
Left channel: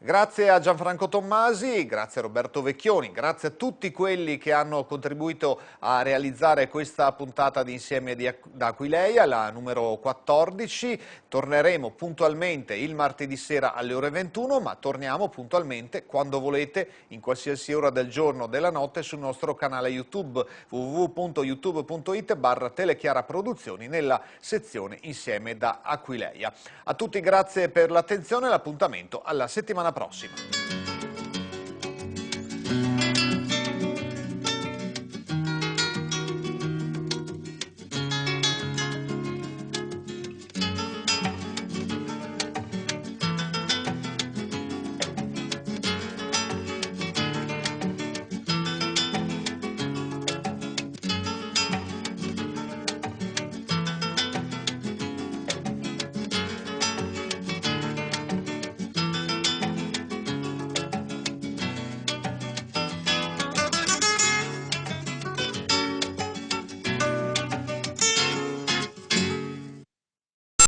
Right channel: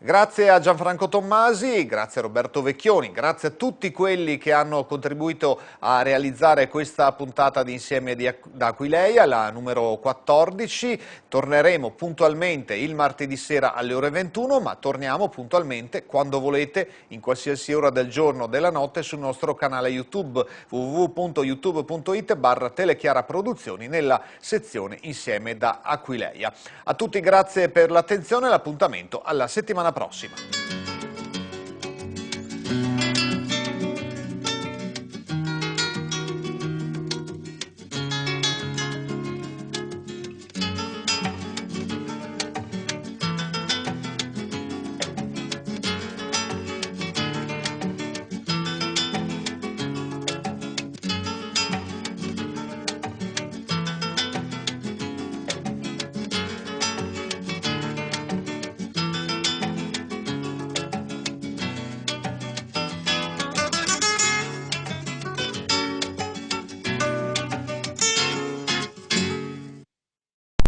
Grazie a Gianfranco Tommasi, grazie a Roberto Vecchioni, grazie a tutti quelli che hanno contribuito a realizzare questa puntata di Insieme da Aquileia, la numero 14. Torneremo puntualmente il martedì sera alle ore 21, ma torniamo puntualmente quando volete, in qualsiasi ora del giorno o della notte, sul nostro canale YouTube www.youtube.it/Telechiara Produzioni nella sezione Insieme da Aquileia. A tutti grazie per l'attenzione e l'appuntamento alla settimana prossima.